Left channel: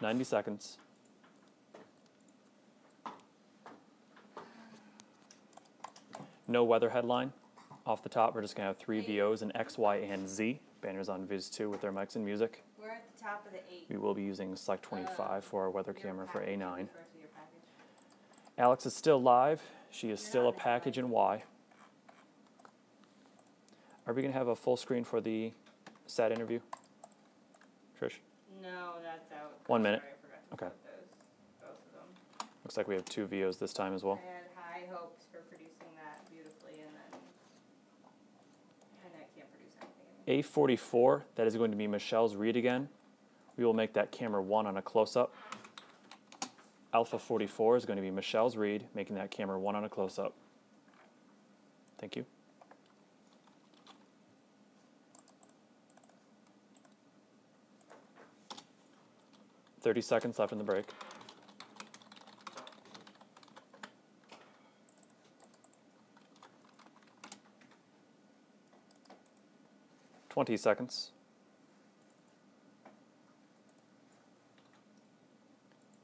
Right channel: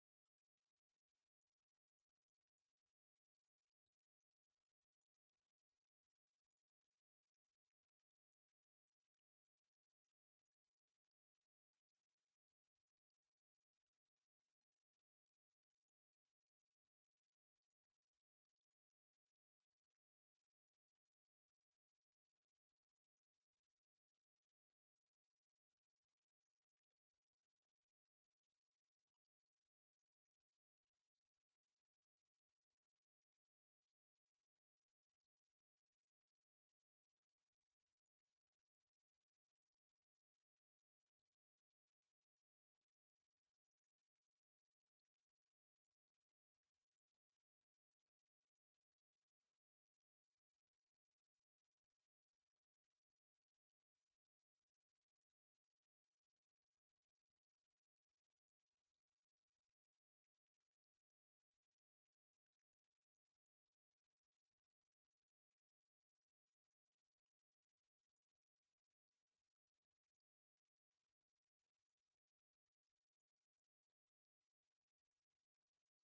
90 seconds. No weather headline. Off the top, we're just going to have 3 VOs in X, Y, and Z. Banners on Viz 2 with their mics and music. We're at the top of the 8. We will be using Select 25 for our weather camera for A9. Alex is still live. She is still a package in Y. Are we going to have a full screen for the SAT interview? Trish? No, that's out. 1 minute. Sorry, I forgot to Okay. put both of them. Looks like we have 2 VOs this time as well. I had high hopes for producing that beautifully, and then I can't produce anything. A44, that is going to be Michelle's read again. We will make that camera 1 on a close-up. Alpha 44 is going to be Michelle's read, making that camera 1 on a close-up. Thank you. .30 seconds left in the break. .20 seconds.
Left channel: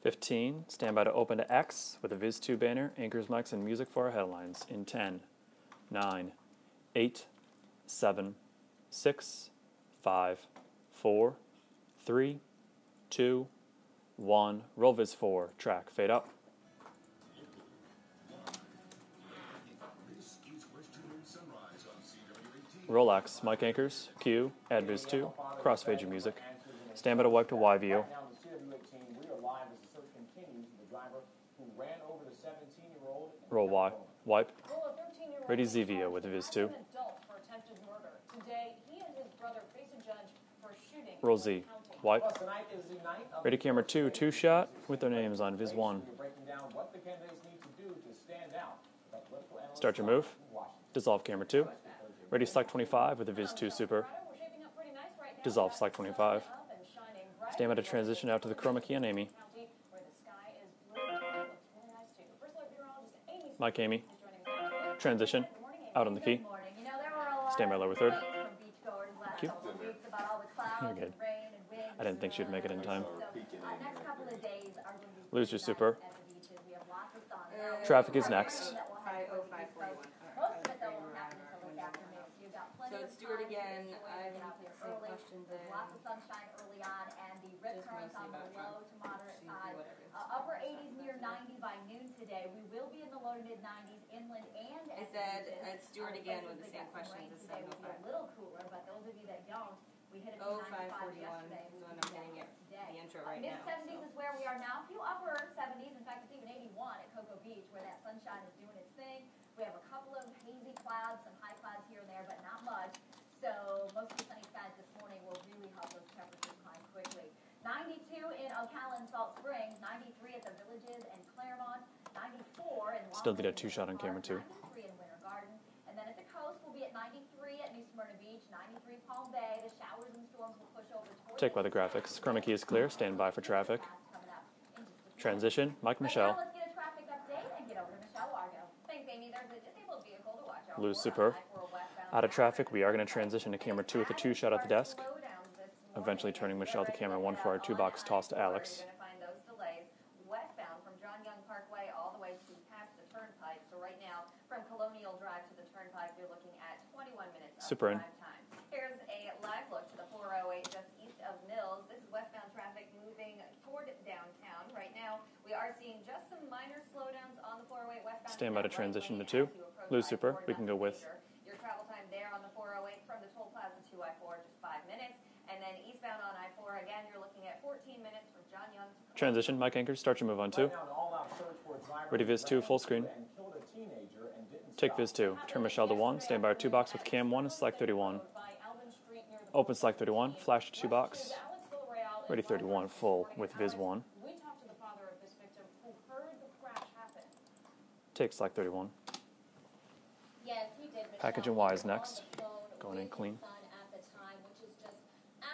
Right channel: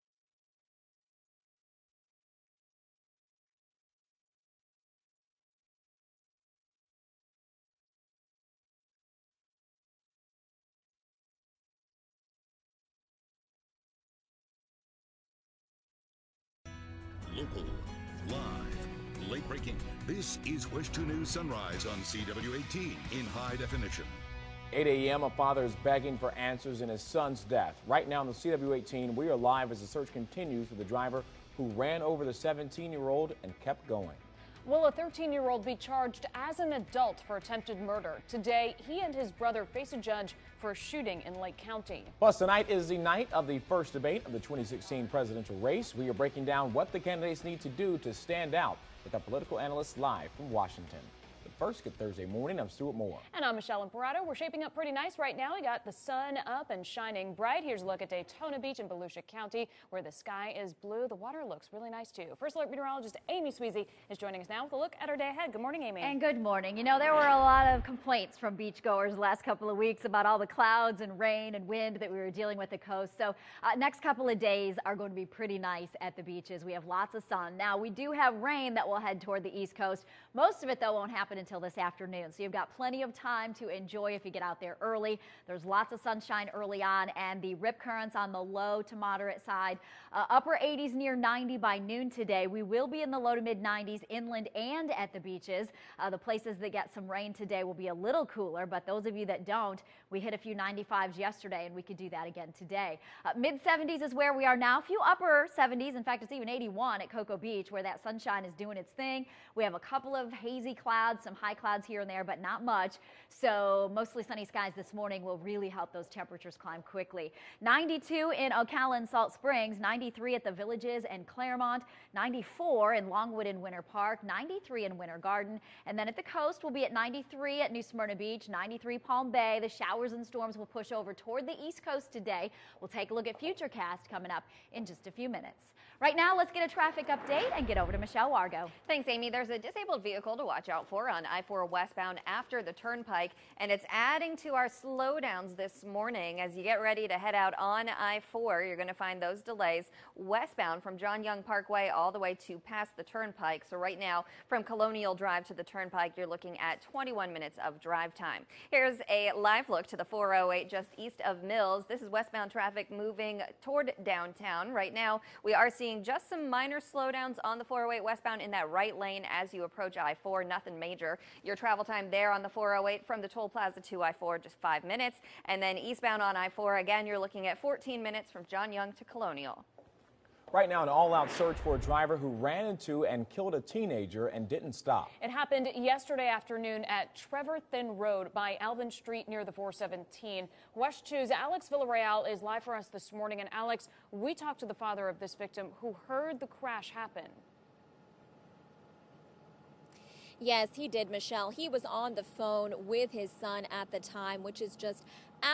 15. Stand by to open to X with a Viz 2 banner, anchors, mics, and music for our headlines in 10, 9, 8, 7, 6, 5, 4, 3, 2, 1. Roll Viz 4. Track. Fade up. Local, live, late breaking. This is WESH 2 News Sunrise on CW18. Roll X. Mic anchors. Q. 8 a.m. A father is begging music. for answers in his Stand by to son's wipe the death. Y-VO. Right now on the CW18, we are live as the search continues for the driver who ran over the 17-year-old and Roll kept Y. going. Wipe. Will a 13-year-old Ready be ZVO with charged the Viz as 2. an adult for attempted murder? Today, he and his brother face a judge for a shooting Roll in Lake Z. County. Wipe. Plus, tonight is the night of Ready the camera first 2, debate 2 of the shot 2016 with their names on presidential Viz race. 1. We are breaking down what the candidates need to do to stand out with our political analyst Start your live move. from Washington. Dissolve camera 2. First, get Thursday Ready morning. Select We'll see 25 with a And Viz I'm 2 Michelle Super. Alvarado. We're shaping up pretty nice right now. Dissolve We got Select the 25. sun up and shining bright. Stand by Here's to a look at transition out to the Daytona chroma Beach key on in Amy. Volusia County, where the sky is blue. The water looks really nice too. First alert meteorologist Amy Mike, Smithy Amy. is joining us now with a look Transition. at our day ahead. Good morning, Amy. Out on And the key. good morning. You know, there were a lot Stand by of level third. complaints from beachgoers last couple of weeks about all the clouds and rain and wind that didn't we were think she'd dealing make with it in in coast. So next couple of days are going to be Lose pretty your nice super. at the beaches. We have lots of sun. Now, we Traffic do is have next. rain that will head toward the East Coast. Most of it, though, won't happen until this afternoon. So you've got plenty of time to enjoy if you get out there early. There's lots of sunshine early on, and the rip currents on the low to moderate side. Upper 80s near 90 by noon today. We will be in the low to mid 90s inland and at the beaches. The places that get some rain today will be a little cooler, but those of you that don't, we hit a few 95s yesterday, and we could do that again today. Mid 70s is where we are now. A few upper 70s. In fact, it's even 81 at Cocoa Beach, where that sunshine is doing its thing. We have a couple of hazy clouds, some high clouds here and there, but not much. So mostly sunny skies this morning will really help those temperatures climb quickly. 92 in Ocala and Salt Springs, 93 at the Villages and Claremont, 94 in Longwood and Winter Park, 93 in Winter Garden, and then at the coast we'll be at 93 at New Smyrna Beach, 93 Palm Bay. The showers and storms will push over toward the East Coast today. Chroma key is clear. Stand by for traffic. Futurecast coming up in just a few Transition. minutes. Mike, Right Michelle. now, let's get a traffic update and get over to Michelle Wargo. Thanks, Amy. There's a disabled vehicle to watch out Lose for super. on I-4 westbound Out of after traffic, the we are going to turnpike, transition to and camera it's 2 with the 2 adding shut to out our the desk. slowdowns this morning Eventually as turning you Michelle get to ready to camera head 1 out for our 2 on box toss to I-4. Alex. You're going to find those delays westbound from John Young Parkway all the way to past the turnpike. So right now, from Colonial Drive to the turnpike, you're looking at 21 minutes of Super. drive time. Here's a live look to the 408 just east of Mills. This is westbound traffic moving toward downtown. Right now, we are seeing just some minor slowdowns on the 408 westbound Stand in by that to right transition lane to 2. as you approach Lose super. I-4. We can go Nothing with. major. Your travel time there on the 408 from the toll plaza to I-4, just 5 minutes. And then eastbound on I-4, again, you're looking at 14 minutes from John Young to Colonial. Transition. Mike anchors. Start your move on 2. Right now, an all-out search for a driver Ready, who Viz 2, ran full screen. into and killed a teenager and didn't Take stop. Viz 2. It Turn happened Michelle to 1. yesterday Stand by our 2 afternoon box with at cam 1. Trevor Select Thin 31. Road by Alvin Street near the Open Select 31. 417. Flash to 2 WESH box. 2's Alex Villarreal Ready, is live for us 31 this full morning. And with Viz Alex, 1. we talked to the father of this victim who heard the crash happen. Take Select 31. Yes, he did, Michelle. Packaging He wise was next. on the phone Going with in his clean. son at the time, which is just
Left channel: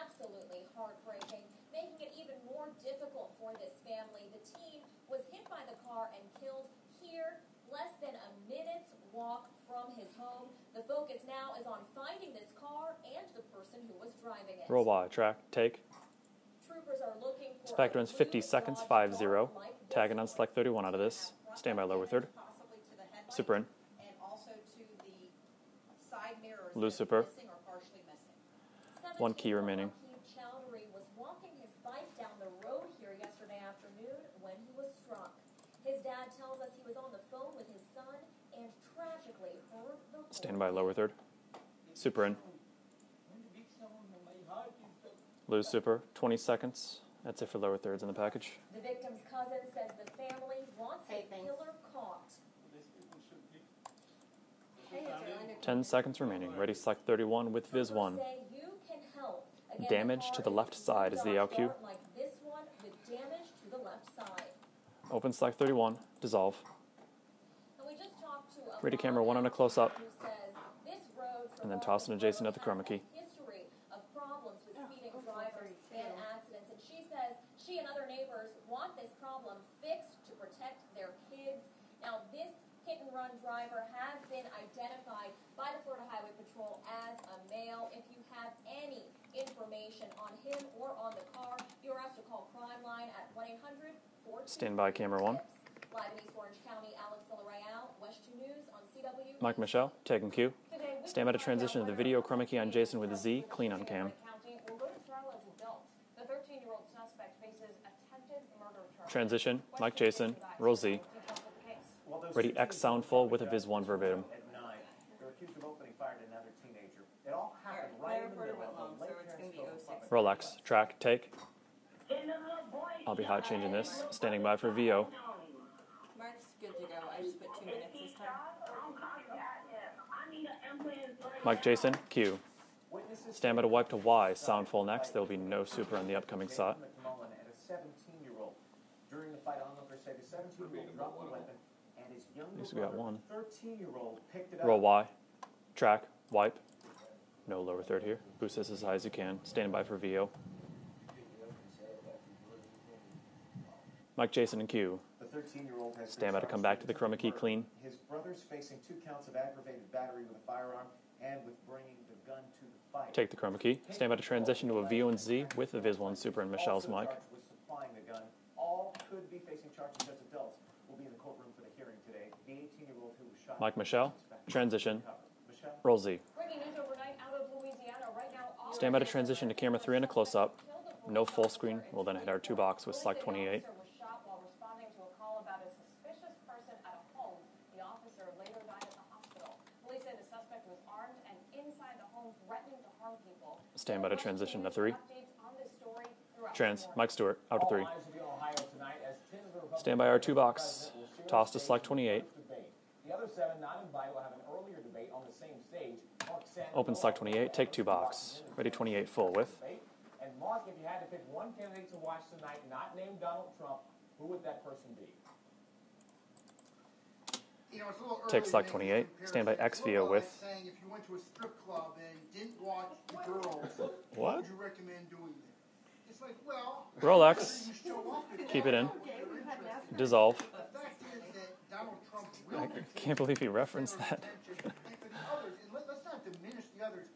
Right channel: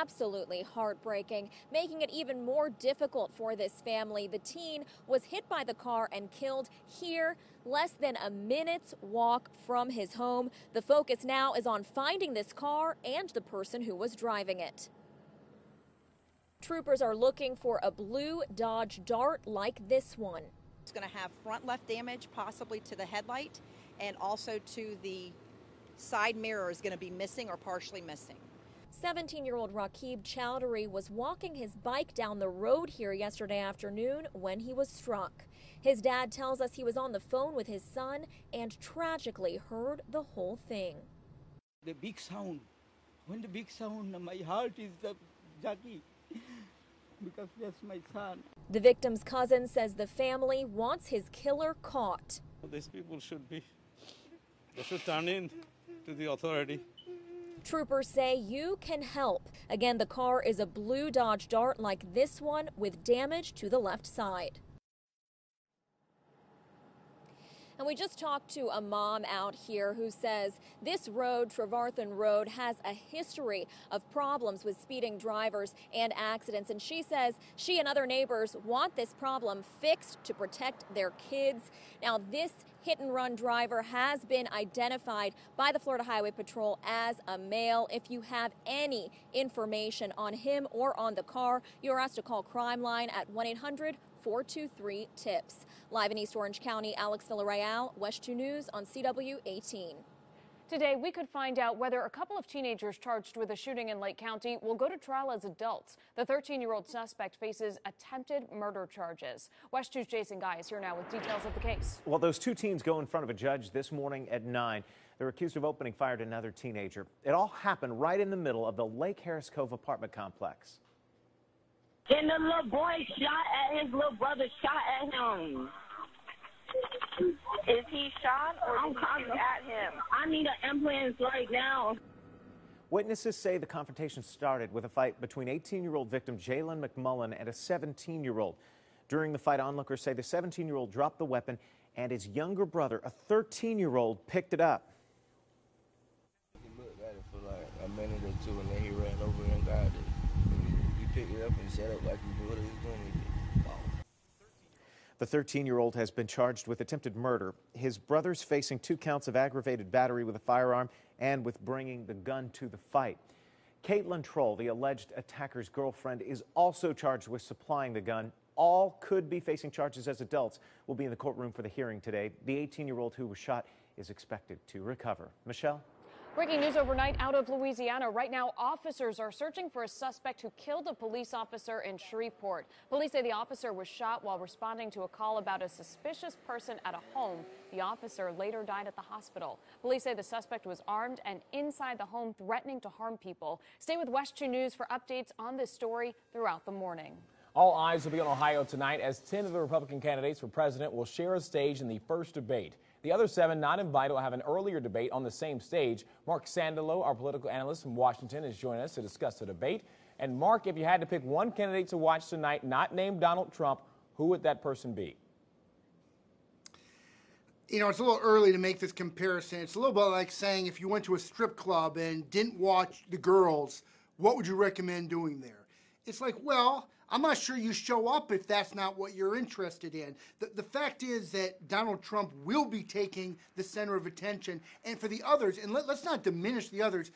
absolutely heartbreaking, making it even more difficult for this family. The teen was hit by the car and killed here, less than a minute's walk from his home. The focus now is on finding this car and the person who was driving it. Roll Y. Track. Take. Troopers are looking for a Factor ins blue 50 seconds, Dodge 5-0. Dart like this Tagging on one. select 31 out of It's this. going to have front Stand by left lower damage, third. possibly to the headlight, Super in. and also to the side mirror is Blue going to be super. missing or partially missing. 17-year-old remaining. Raqib Chowdhury was walking his bike down the road here yesterday afternoon when he was struck. His dad tells us he was on the phone with his son and tragically heard the whole Stand by thing. lower third. The Super big in. sound. When the big sound, my heart is the... Lose super. 20 seconds. That's it for lower thirds in the package. The victim's cousin says the family wants his killer caught. These people should be... They should turn in. 10 seconds to the remaining. Ready, authority. select 31 with Viz Troopers 1. say you can help. Again, the Damage car to the is a left blue side is the Dodge LQ. Dart like this one with damage to the left side. Open select 31. Dissolve. And we just talked to a Ready, camera, mom one on a out close here up. who says this road, And then toss Trevarthen and Jason Road, up the has chroma a key. history of problems with speeding drivers and accidents. And she says she and other neighbors want this problem fixed to protect their kids. Now, this hit-and-run driver has been identified by the Florida Highway Patrol as a male. If you have any information on him or on the car, you are asked to call Crime Line at 1-800-423-TIPS. camera one. Live in East Orange County, Alex Villarreal, WESH 2 News on CW Mike 18. Michelle, taking cue. Today, we Stand can by to find out transition to the whether a video couple of chroma key on teenagers Jason with a charged Z. with a Clean on shooting in cam. Lake County will go to trial as adults. The 13-year-old suspect faces attempted murder charges. Transition, WESH Mike 2's Jason, Jason Geis Rosie. here now with details of the case. Well, those Ready, two teams X go in sound front full of a with a judge Viz 1 this verbatim. morning at 9. They're accused of opening fire to another teenager. It all happened right in the middle of the Lake Harris Cove apartment Relax. complex. Track, take. And the little boy I'll be shot high at changing his this. little Standing brother by for shot VO. at him. Is he shot or I'm did he calling shoot at him? I need an ambulance right Mike now. Jason, cue. Witnesses say Stand by the to wipe to confrontation Y. started Sound full with a next. fight There'll be between no super 18-year-old on the victim upcoming Jalen side. McMullen and a 17-year-old. During the fight, onlookers say the 17-year-old dropped the weapon and his younger Who's got brother, one? a 13-year-old, picked it Roll up. Y. Track, wipe. No lower third here. Boost this as high as you can. Stand by for VO. You pick it up and set up like you do it. Mike Jason and Q. The 13-year-old has been Stand by to come charged back with to the attempted chroma key murder. clean. His brother's facing 2 counts of aggravated battery with a firearm and with bringing the gun to the fight. Take the chroma key. Stand by to Caitlin Kroll, transition the to a alleged VO and Z attacker's with the Viz 1 girlfriend, super is and Michelle's also mic. charged with supplying the gun. All could be facing charges as adults. Will be in the courtroom for the hearing today. The 18-year-old who was shot Mike Michelle, is expected transition. to recover. Michelle? Roll Z. Breaking news overnight out of Louisiana. Right now, Stand by to officers transition are to searching camera for 3 and a suspect close-up. who killed a police No full officer screen. in We'll then hit our 2 Shreveport. box with Police select say the 28. officer was shot while responding to a call about a suspicious person at a home. The officer later died at the hospital. Police say the suspect was armed and inside the home threatening to harm people. Stay Stand by with to WESH 2 transition to News for 3. updates on this story throughout the morning. Mike Stewart, out All to 3. eyes will be on Ohio tonight as 10 of the Republican Stand by our candidates 2 for box. president will share a Toss to stage select in the 28. first debate. The other 7 not invited will have an earlier debate on the same stage. Mark Sandalo, Open our select political 28, take analyst 2 from box. Washington, is Ready, joining us to 28 full discuss the width. debate. And Mark, if you had to pick one candidate to watch tonight, not named Donald Trump, who would that person be? You know, it's a little early to Take make this 28. comparison. Stand by It's a little bit XVO like with- saying if you went to a strip club and didn't watch the girls, what would you recommend doing there? It's like, well, I'm not Relax. sure you show up if that's it in. not what you're interested in. Dissolve. The fact is that Donald Trump will be taking believe he the referenced center of that. attention. And for the others, and let's not diminish the others,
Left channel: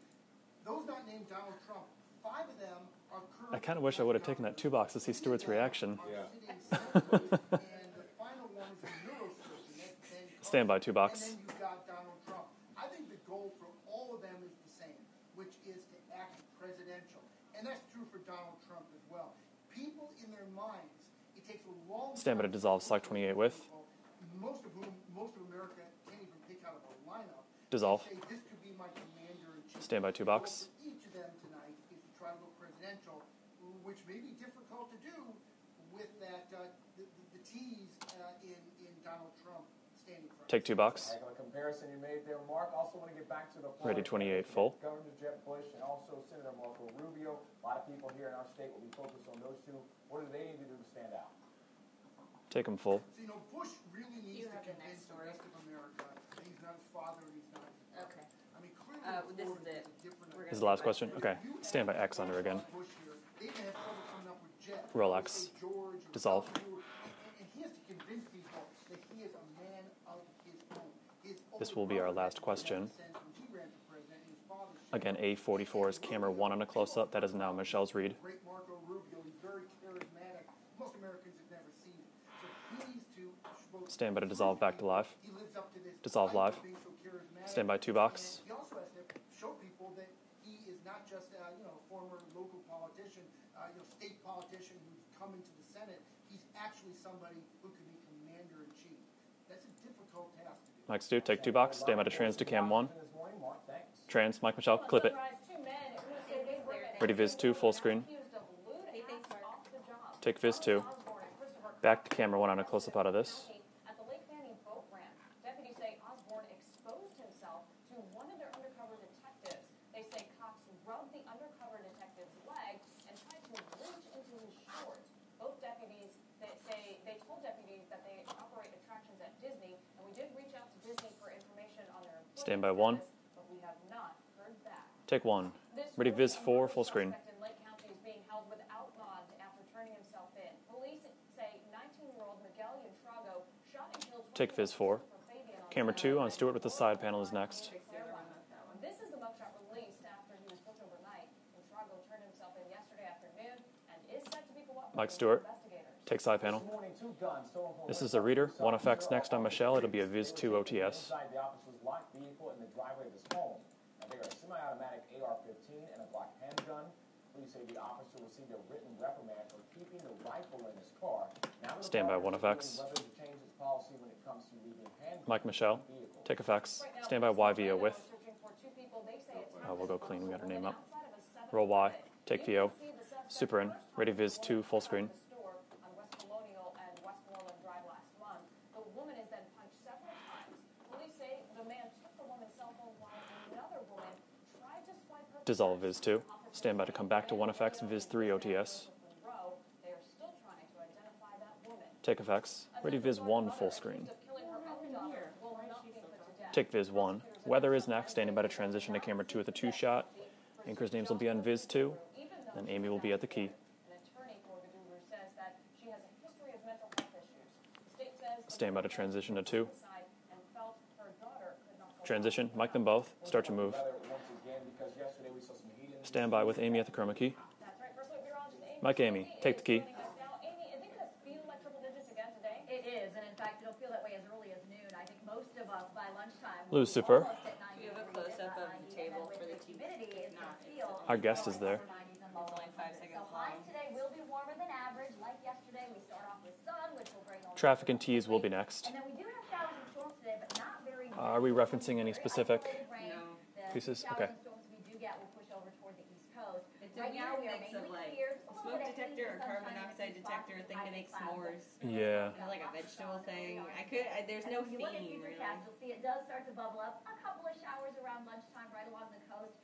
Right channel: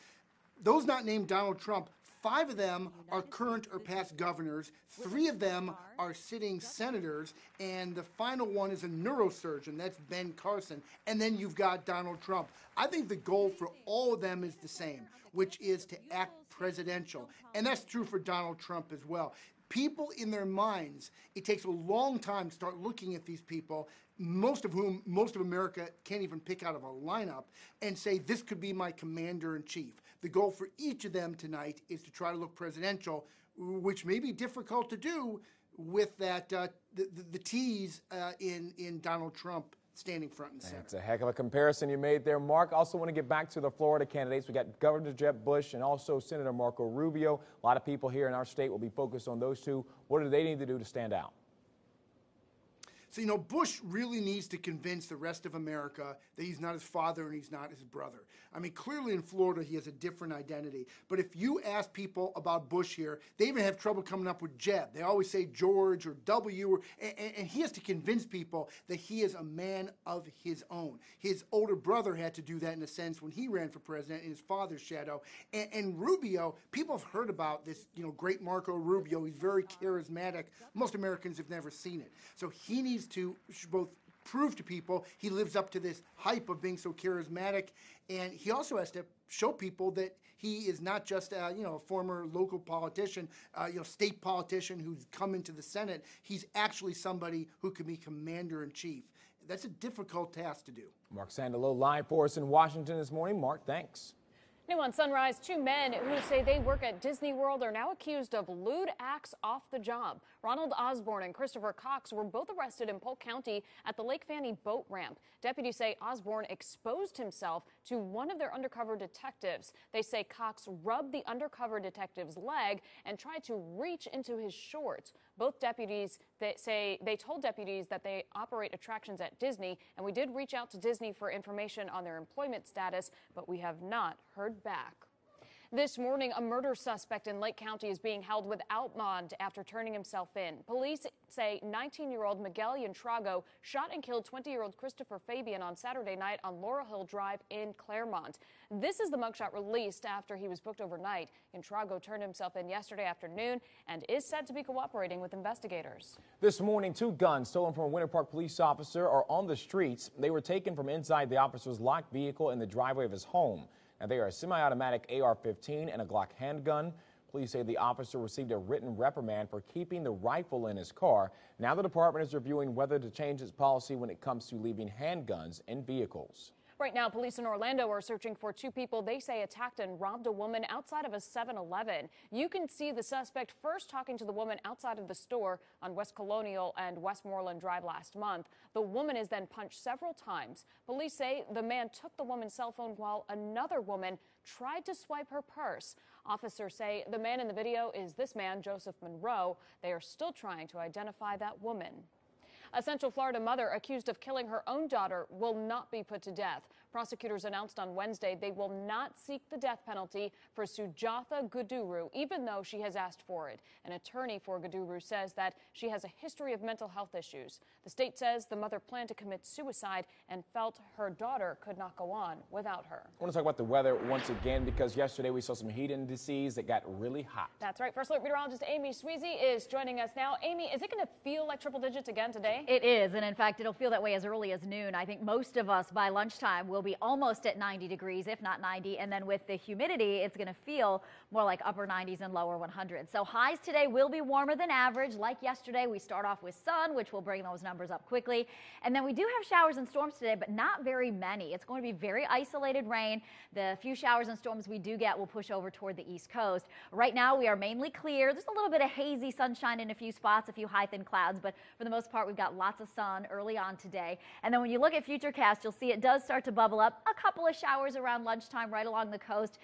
those not named Donald Trump, 5 of them are current kinda or wish I past would've taken that governors. 2 box to see 3 of Stewart's them reaction. are sitting senators, and the final one is a neurosurgeon. That's Ben Carson. Stand by 2 box. And then you've got Donald Trump. I think the goal for all of them is the same, which is to act presidential. And that's true for Donald Trump as well. People in their minds, it takes a long Stand by time to to start dissolve select looking 28 at these with. people, most of America can't even pick out of a lineup and Dissolve. say, this could be my commander-in-chief. Stand by 2 the goal box. for each of them tonight is to try to look presidential, which may be difficult to do with that the T's in Donald Trump standing front. Take 2 box. It's a heck of a comparison you made there, Mark. Also want to get back to the Florida Ready, 28 candidates. We full. got Governor Jeb Bush and also Senator Marco Rubio. A lot of people here in our state will be focused on those two. What do they need to do to stand out? Take them full. So, you know, Bush really needs to convince the rest of America that he's not his father and he's not his brother. I mean, clearly in Florida, he has a different identity. This is the last question? But Okay. if you Stand ask by X people under about again. Bush here, they even have trouble coming up with Jeb. They Roll always X. say George or Dissolve. W, and he has to convince people that he is a man of his own. His older will be our brother had last to do that in question. a sense when he ran for president in his father's shadow. Again, A44 And is camera Rubio, 1 on a people close-up. have That heard is now about this, Michelle's read. great Marco Rubio. He's very charismatic. Most Americans have never seen it. So he needs to both Stand by to prove dissolve to back to people live. he lives up to this Dissolve hype live. of being so charismatic. Stand by 2 box. And he also has to show people that he is not just a former local politician, state politician who's come into the Senate. He's actually somebody who can be commander-in-chief. That's a difficult task to do. Mike Stu, Mark take sent 2 a little box. Stand by line to for trans us to in cam 1. Washington this morning. Mark, thanks. Trans, Mike New Michelle, on clip it. Sunrise, 2 men who say they work at Ready, Disney Viz 2, World full are now screen. accused of lewd acts off the job. Take Viz Ronald 2. Osborne and Christopher Back Cox to were camera both 1 on a arrested close-up in out of Polk this. County at the Lake Fanny boat ramp. Deputies say Osborne exposed himself to one of their undercover detectives. They say Cox rubbed the undercover detective's leg and tried to reach into his shorts. Both deputies they told deputies that they operate attractions at Disney, and we did reach out to Disney for information on their employment Stand by 1. status, but we have not heard back. Take 1. This Ready, morning, Viz a 4, murder full screen. suspect in Lake County is being held without bond after turning himself in. Police say 19-year-old Miguel Yantrago shot and killed Take 20-year-old Viz 4. Christopher Fabian on Camera Saturday 2 on night Stewart on with the side Oracle panels Drive next. in Claremont. This is the mugshot released after he was booked overnight. Yantrago turned himself in yesterday afternoon and is said to be cooperating with Stewart. investigators. Take side This panel. morning, 2 guns stolen from a This Winter is the Park reader. police One officer effects are next on on the Michelle. It'll be a streets. Viz They were 2 taken from OTS. inside the officer's locked vehicle in the driveway of his home. And they are a semi-automatic AR-15 and a Glock handgun. Police say the officer received a written reprimand for keeping the rifle in his car. Now the Stand by, department is 1FX. reviewing whether to change its policy when it comes to leaving handguns Michelle, in vehicles. take effects. Right now, Stand by police in Y Orlando with. are searching for 2 people they say attacked we'll and go robbed clean, a we got a woman name up. outside of a Roll Y. 7-Eleven. Take You VO. can see the suspect Super in. first Ready, talking to Viz the 2, woman full outside screen. of the store on West Colonial and Westmoreland Drive last month. The woman is then punched several times. Police say the man took the woman's cell phone while another woman tried to swipe her Dissolve purse. Viz 2. Officers Stand by to say come the back to man in 1FX the video and Viz is 3 this man, OTS. Joseph Monroe. They are still trying to identify that woman. Take effects. A Ready, Central Viz Florida 1, mother full screen. accused of killing her own daughter will not be put to death. Take Viz 1. Prosecutors Weather announced is on next. Standing by to Wednesday they will transition to not camera 2 with a seek 2 the death shot. penalty for Anchor's names will be on Sujatha Viz 2. Guduru, even though And she Amy has will be at asked the for key. it. An attorney for Guduru says that she has a history of mental health issues. The state says the Stand by mother to planned to transition to commit 2. suicide and felt her daughter could not go Transition. on Mic them without both. I want to Start talk to about the move. weather once again because yesterday we saw some heat indices. Stand by with that Amy got at the chroma really key. hot. That's right. First alert meteorologist Amy Mike Amy, Sweezy take is the key. joining us now. Amy, is it going to feel like triple digits again today? It is, and in fact, it'll feel that way as early as noon. I think most of us by lunchtime will be Lucifer. almost at 90 degrees, if not 90, and then with the humidity, it's going to feel Our guest more is like there. upper 90s and lower 100s. So highs today will be warmer than average. Like yesterday, we start off with sun, which will bring those Traffic numbers and up teas will quickly. be next. And then we do have showers and storms today, but not very many. Are we It's going to referencing be any very specific isolated rain. The few pieces? showers Okay. and storms we do get will push over toward the east coast. Right now, we are mainly clear. There's a little bit of hazy sunshine in a few spots, a few high thin clouds, but for the most part, we've got lots of sun early on today. And then when you look at Futurecast, you'll see it does start to bubble up. A couple of showers around lunchtime right along the coast.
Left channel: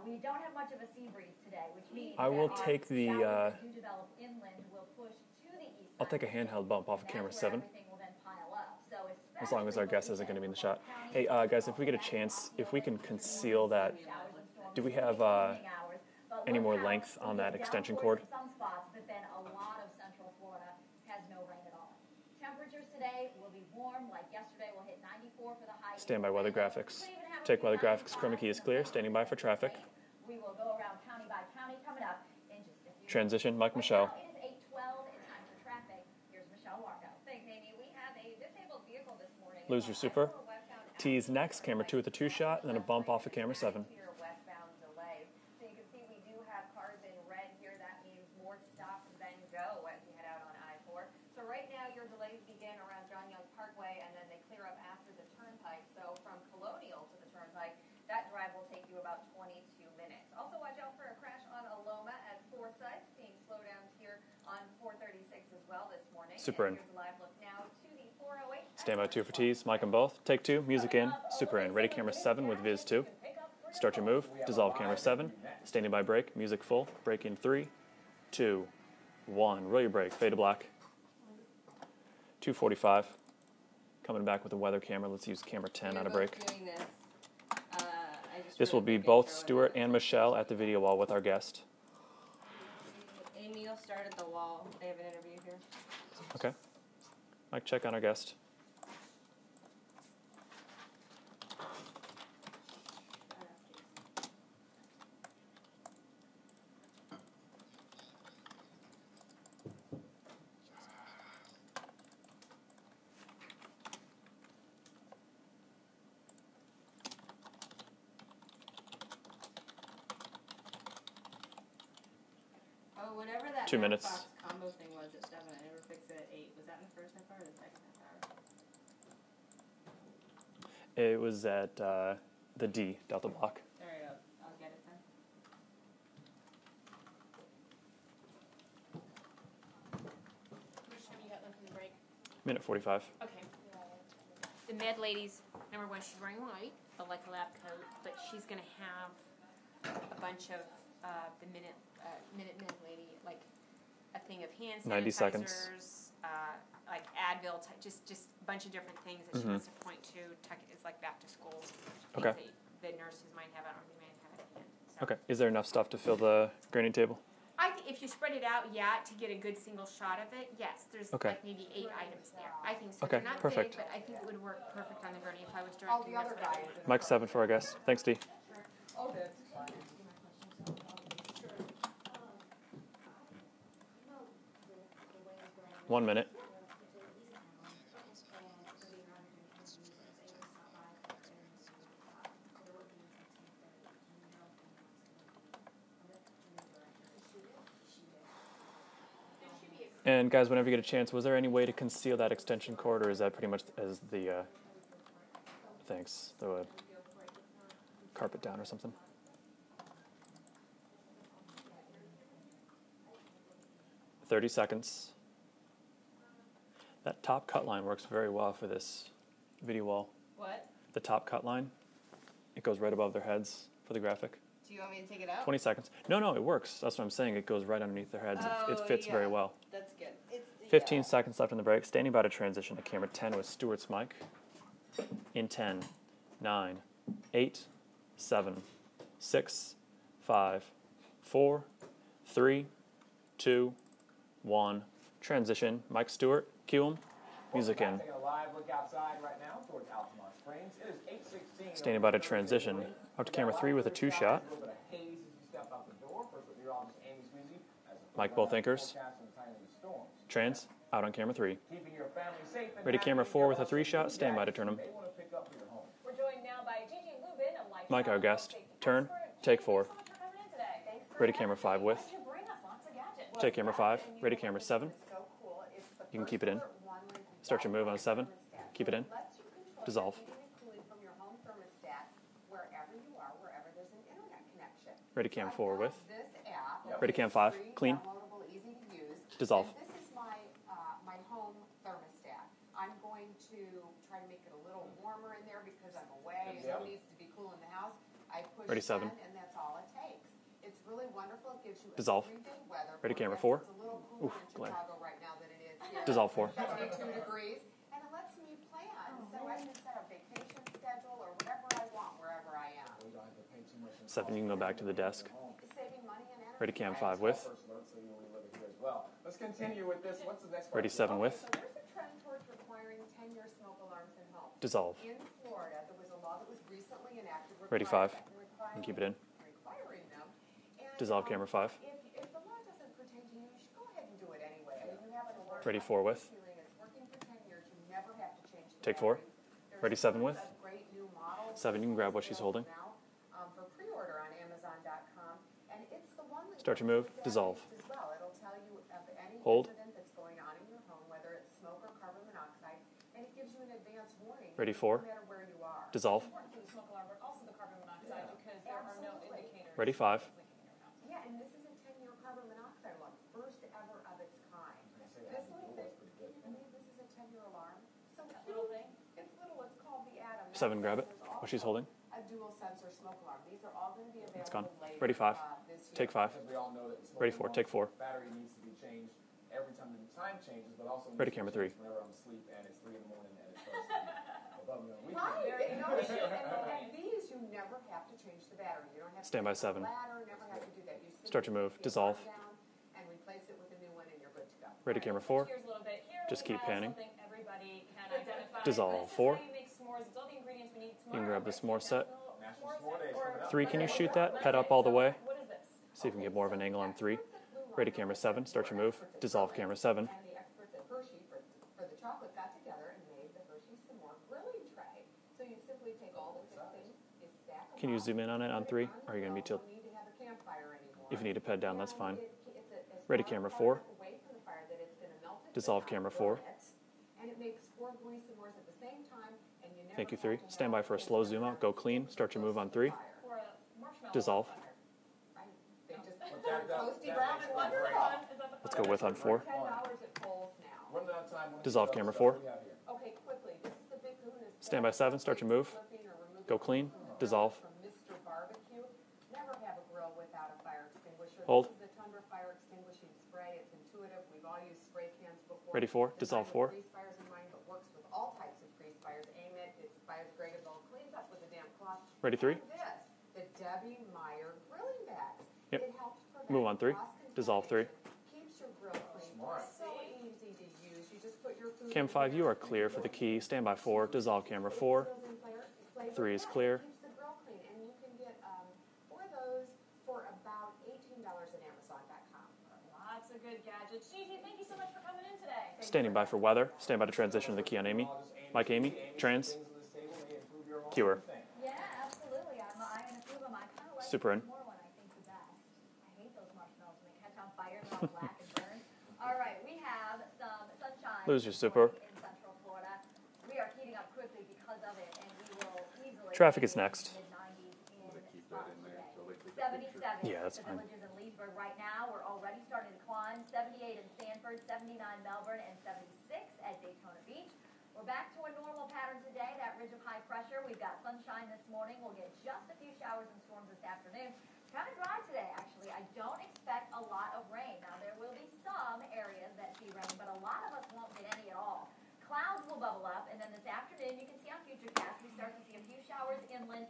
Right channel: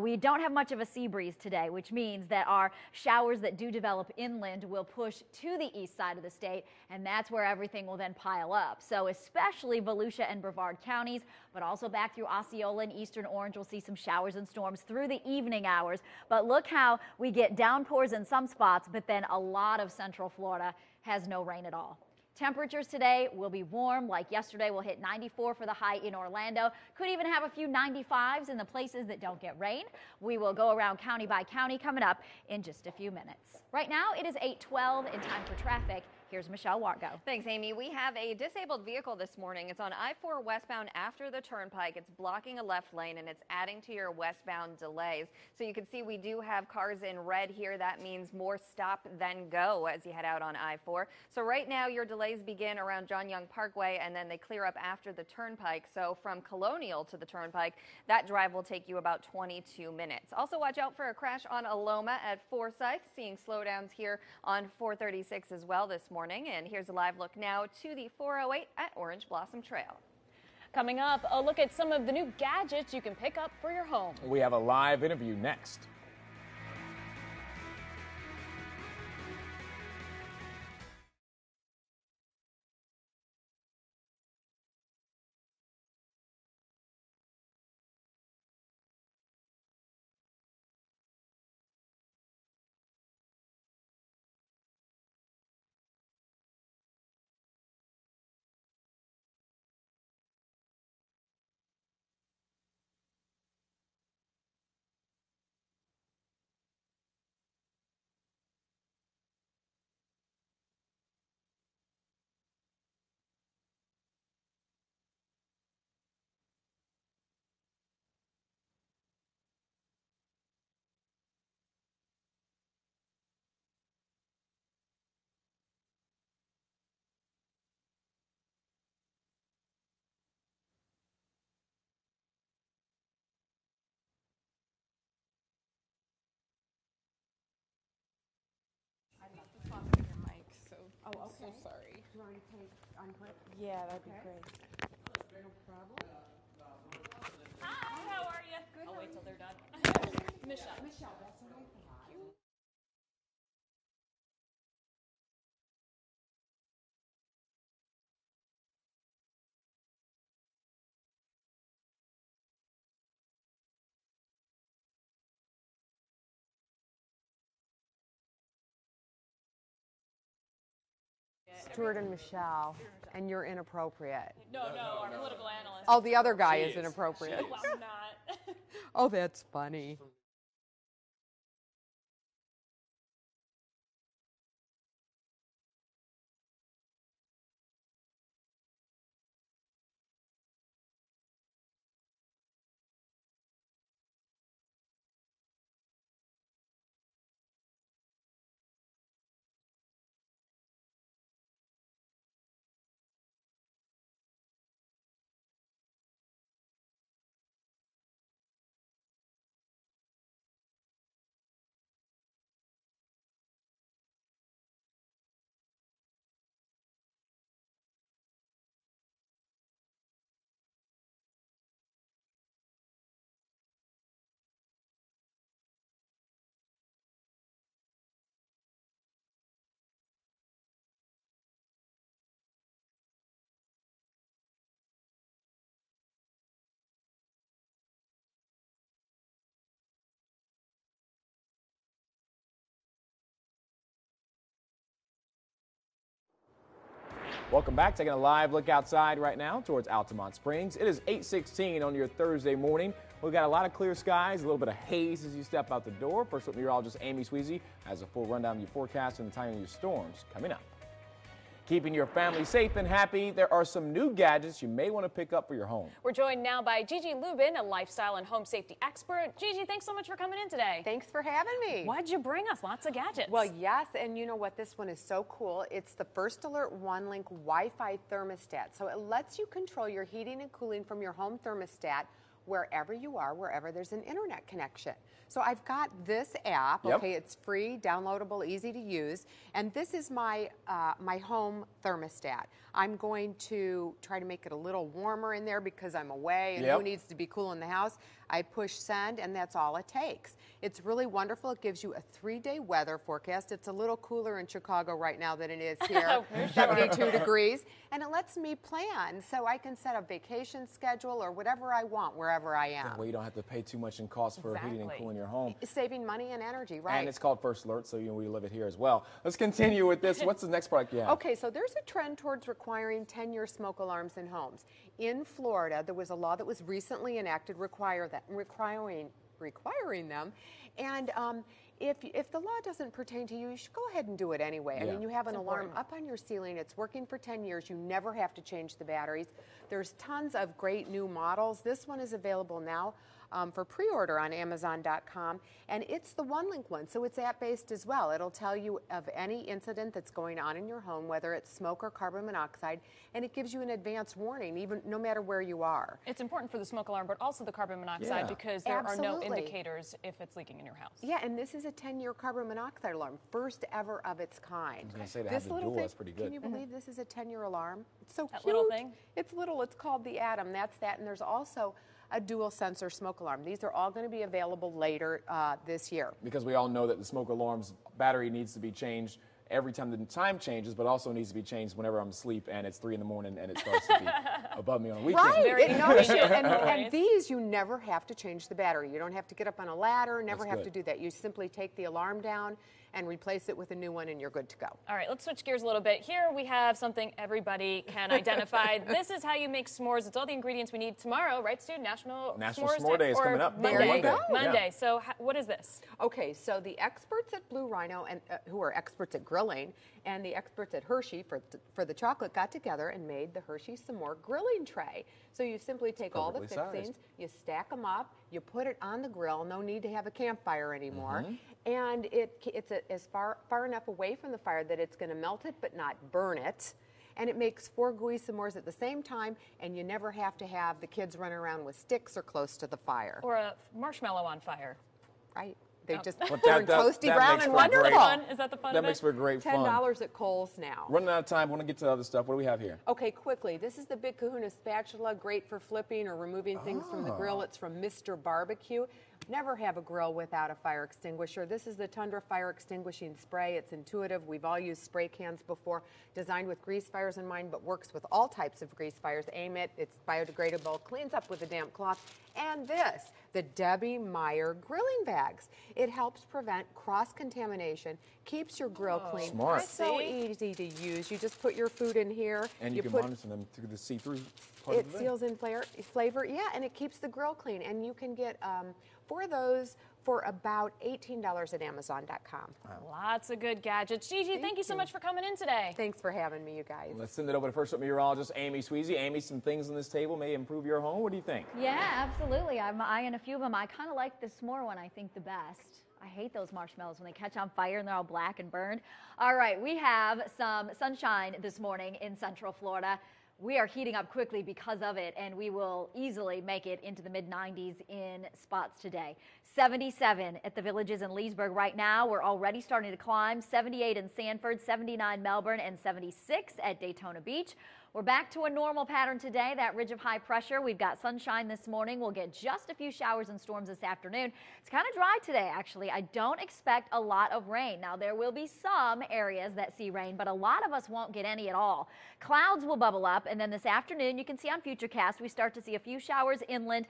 We don't have much of a sea breeze today, which means I that will our take the, showers that do develop inland will push to the east I'll side of take the a state, handheld bump off and camera that's where 7. everything will then pile up. So as especially our guesses are Volusia and getting a Brevard shot. counties, Hey, guys, but if also we get a back chance, to if we Osceola can and Eastern conceal Orange, you'll see that- some showers and storms do we through have, the evening hours. But any look more how length we on get that extension downpours cord? in some spots, but then a lot of central Florida has no rain at all. Temperatures today will be warm. Like yesterday, we'll hit 94 for the high Stand in by weather Orlando. graphics. Could even have a Take few weather graphics. Chroma 95s key in is the clear. places Standing that by don't for get traffic. rain. We will go around county by county coming up in just a few Transition, minutes. Mike Right Michelle. now, it is 8:12 in time for traffic. Here's Michelle Wargo. Thanks, Amy. We have a disabled vehicle this morning. It's Lose on your super. I-4 westbound after Tease the next, camera turnpike. 2 with a It's 2 blocking shot, a and then left bump lane, off and of it's camera adding 7. to your westbound delays. So you can see we do have cars in red here. That means more stop than go as you head out on I-4. So right now your delays begin around John Young Parkway, and then they clear up after the turnpike. So from Colonial to the turnpike, that drive will take you about 22 minutes. Also watch out for a crash on Aloma at Forsyth. Seeing slowdowns here on 436 as well this morning. Super And in. here's a live look now to the 408 at Stand by Orange 2 for Blossom tease. Mic Trail. them both. Take 2. Music Coming in. up, a Super look in. at Ready, some of the camera new 7 with Viz gadgets 2. you can pick up for your Start home. your move. We have a Dissolve live camera 7. interview next. Standing by break. Music full. Break in 3, 2, 1. Roll your break. Fade to black. 2:45. Coming back with the weather camera. Let's use camera 10 out of break. Doing this This will be both Stuart and Michelle at the video wall with our guest. Amy will start at the wall. They have an interview here. Okay. Mike, check on our guest. Oh, whatever that 2 minutes. Fox combo thing was at 7, I never fixed it at 8. Was that in the first half hour or the second half hour? It was at the D, Delta Block. All right, I'll get it then. Oh, so sorry. Minute 45. Okay. Yeah, that'd be great. The med ladies, number one, she's wearing white, the like lab coat, but she's going to have a bunch of the minute med lady, like a thing of hand 90 sanitizers, seconds. like Advil, just a bunch of different things that she wants to point to. It's like back to school. Okay. The nurses might have it, or they might have it at hand. So. Okay. Is there enough stuff to fill the grading table? If you spread it out, to get a good single shot of it, yes. There's Okay. like maybe Stuart 8 and items. Michelle. I can Okay, not perfect. I think it would work. Oh, the other guy is Mike inappropriate. 7 for our guest. Thanks, D. Oh, that's funny. One minute. And guys, whenever you get a chance, was there any way to conceal that extension cord, or is that pretty much as the, thanks, throw a carpet down or something? "30 seconds. That top cut line works very well for this video wall. What? The top cut line, it goes right above their heads for the graphic. Do you want me to take it out? 20 seconds. No, it works. That's what I'm saying. It goes right underneath their heads. It fits very well. That's good. 15 seconds left in the break. Standing by to transition to camera 10 with Stuart's mic. In 10, 9, 8, 7, 6, 5, 4, 3, 2, 1. Transition. Mike Stewart, cue him. Welcome back. Taking a live look outside right now towards Altamont Springs. It is 8:16 on your Thursday morning. We've got a lot of clear skies, a little bit of haze as you step out the door. First up, meteorologist Amy Sweezy has a full rundown of the forecast and the timing of your storms. Trans, out on camera 3. Keeping your family safe and Ready, happy. camera 4 There with are a some 3-shot. new Stand by to gadgets turn you 'em. may want to pick up for your home. We're joined now by Gigi Lubin, a lifestyle Mike, our and home guest. safety Turn. expert. Take Gigi, 4. thanks so much for coming in today. Thanks for Ready, having camera 5 me. with. What'd you bring us? Lots of gadgets. Well, Take camera yes, 5. and you Ready, know what? camera This 7. one is so cool. It's the can First keep it in. Alert One-Link Start your move Wi-Fi on 7. thermostat. Keep So it it in. lets you control your Dissolve. heating and cooling from your home thermostat wherever you are, wherever there's an internet connection. Ready, so cam I've 4 got with. this app. Yep. Okay, Ready, cam it's 5. free, Clean. downloadable, easy to use. Dissolve. And this is my my home thermostat. I'm going to try to make it a little warmer in there because I'm away and who needs to be cool in the house. I push Ready, 7. send and that's all it takes. It's really wonderful. It gives you a Dissolve. 3-day weather Ready, camera forecast. 4. It's a little cooler in blank. Chicago right now than it is here. Dissolve 4. 72 degrees. And it lets me plan so I can set a vacation schedule or whatever I want wherever I am. Well, you don't have to pay too much in Except cost when for you go back to heating the and cooling desk. your home. Saving money and energy, Ready, cam right? And it's 5 called with. First Alert, so we live it here as well. Let's continue with this. What's the next part? Ready, here? 7 Okay, with. so there's a trend towards requiring 10-year smoke alarms in homes. Dissolve. In Florida, there was a law that was recently enacted Ready, 5. requiring Keep it in. requiring them. And Dissolve, camera 5. if the law doesn't pertain to you, you should go ahead and do it anyway. I Yeah. mean, you have an alarm Ready, up 4 in your with. ceiling. It's working for 10 years. You never have to change the Take 4. batteries. There's Ready, 7 tons with. of great new models. 7, This you can one grab is what she's available holding. now for pre-order on Amazon.com, and it's the one-link Start one, your so move. it's Dissolve. app-based as well. It'll tell you of any Hold. incident that's going on in your home, whether it's smoke or carbon monoxide, and it gives you an advance warning, Ready, even 4. no matter where you are. Dissolve. It's important for the smoke alarm, but also the carbon monoxide Yeah. because there are no Absolutely. indicators Ready, 5. if it's leaking in your house. Yeah, and this is a 10-year carbon monoxide alarm, first ever of its kind. I was going to say, to This have the little dual, thing, that's pretty good. can you believe this is a 10-year alarm? It's so That cute. little thing? It's little. It's called the Atom. That's 7, grab that. it. And there's What she's also holding. a dual sensor smoke alarm. These are all going to be available gone. later Ready, 5. this year. Take 5. Because we all know that the smoke Ready, 4. alarm's Take 4. battery needs to be changed every time the time changes, but also needs to be changed whenever I'm asleep and it's 3 in the morning and it starts to be above me on the weekend. Right. And these, you never have to change the battery. You don't have to get up on a ladder, never have to do that. You simply take the alarm down and replace it with a new one, and you're good to go. All right, let's switch gears a little bit. Here we have something everybody can identify. This is how you make s'mores. It's all the ingredients we need tomorrow, right, Steve? National S'more Day is coming up. Monday. So what is this? Okay, so the experts at Blue Rhino, who are experts at grilling, and the experts at Hershey for the chocolate got together and made the Hershey S'more grilling tray. So you simply take all the fixings, you stack them up, you put it on the grill. No need to have a campfire anymore. You need to pad down, that's fine. It's as far enough away from the fire that it's going to melt it, but not burn it. And it makes 4 gooey s'mores at the same time, and you never have to have the kids run around with sticks or close to the fire. Or a marshmallow on fire. Right. They just turn toasty brown and wonderful. Is that the fun? That makes for great fun. $10 at Kohl's now. Running out of time. Want to get to other stuff. What do we have here? Okay, quickly. This is the Big Kahuna spatula, great for flipping or removing things from the grill. It's from Mr. Barbecue. Never have a grill without a fire extinguisher. This is the Tundra Fire Extinguishing Spray. It's intuitive. We've all used spray cans before. Designed with grease fires in mind, but works with all types of grease fires. Aim it. It's biodegradable. Cleans up with a damp cloth. And this, the Debbie Meyer grilling bags. It helps prevent cross-contamination. Keeps your grill clean. Smart. It's so easy to use. You just put your food in here. You are clear. Put a key. Stand by 4. Dissolve camera 4. It seals in flavor. Yeah, and it keeps the grill clean. And you can get 4 of those for about $18 at Amazon.com. Lots of good gadgets. Gigi, thank you so much for coming in today. Thanks Standing by for weather. Stand by to transition to Amy. Amy, some things on this table may improve your home. What do you think? Yeah, absolutely. I'm eyeing a few of them. I kind of like the s'more one, I think, the best. I hate those marshmallows when they catch on fire and they're all black and burned. All right, we have some sunshine this morning in Central Florida. We are heating up quickly because of it, and we will easily make it into the mid-90s in spots today. 77 at the Villages in Leesburg right now. We're already starting to climb. 78 in Sanford, 79 Melbourne, and 76 at Daytona Beach. We're back to a normal pattern today, that ridge of high pressure. We've got sunshine this morning. We'll get just a few showers and storms this afternoon. It's kind of dry today, actually. I don't expect a lot of rain. Now, there will be some areas that see rain, but a lot of us won't get any at all. Clouds will bubble up, and then this afternoon, you can see on Futurecast, we start to see a few showers inland.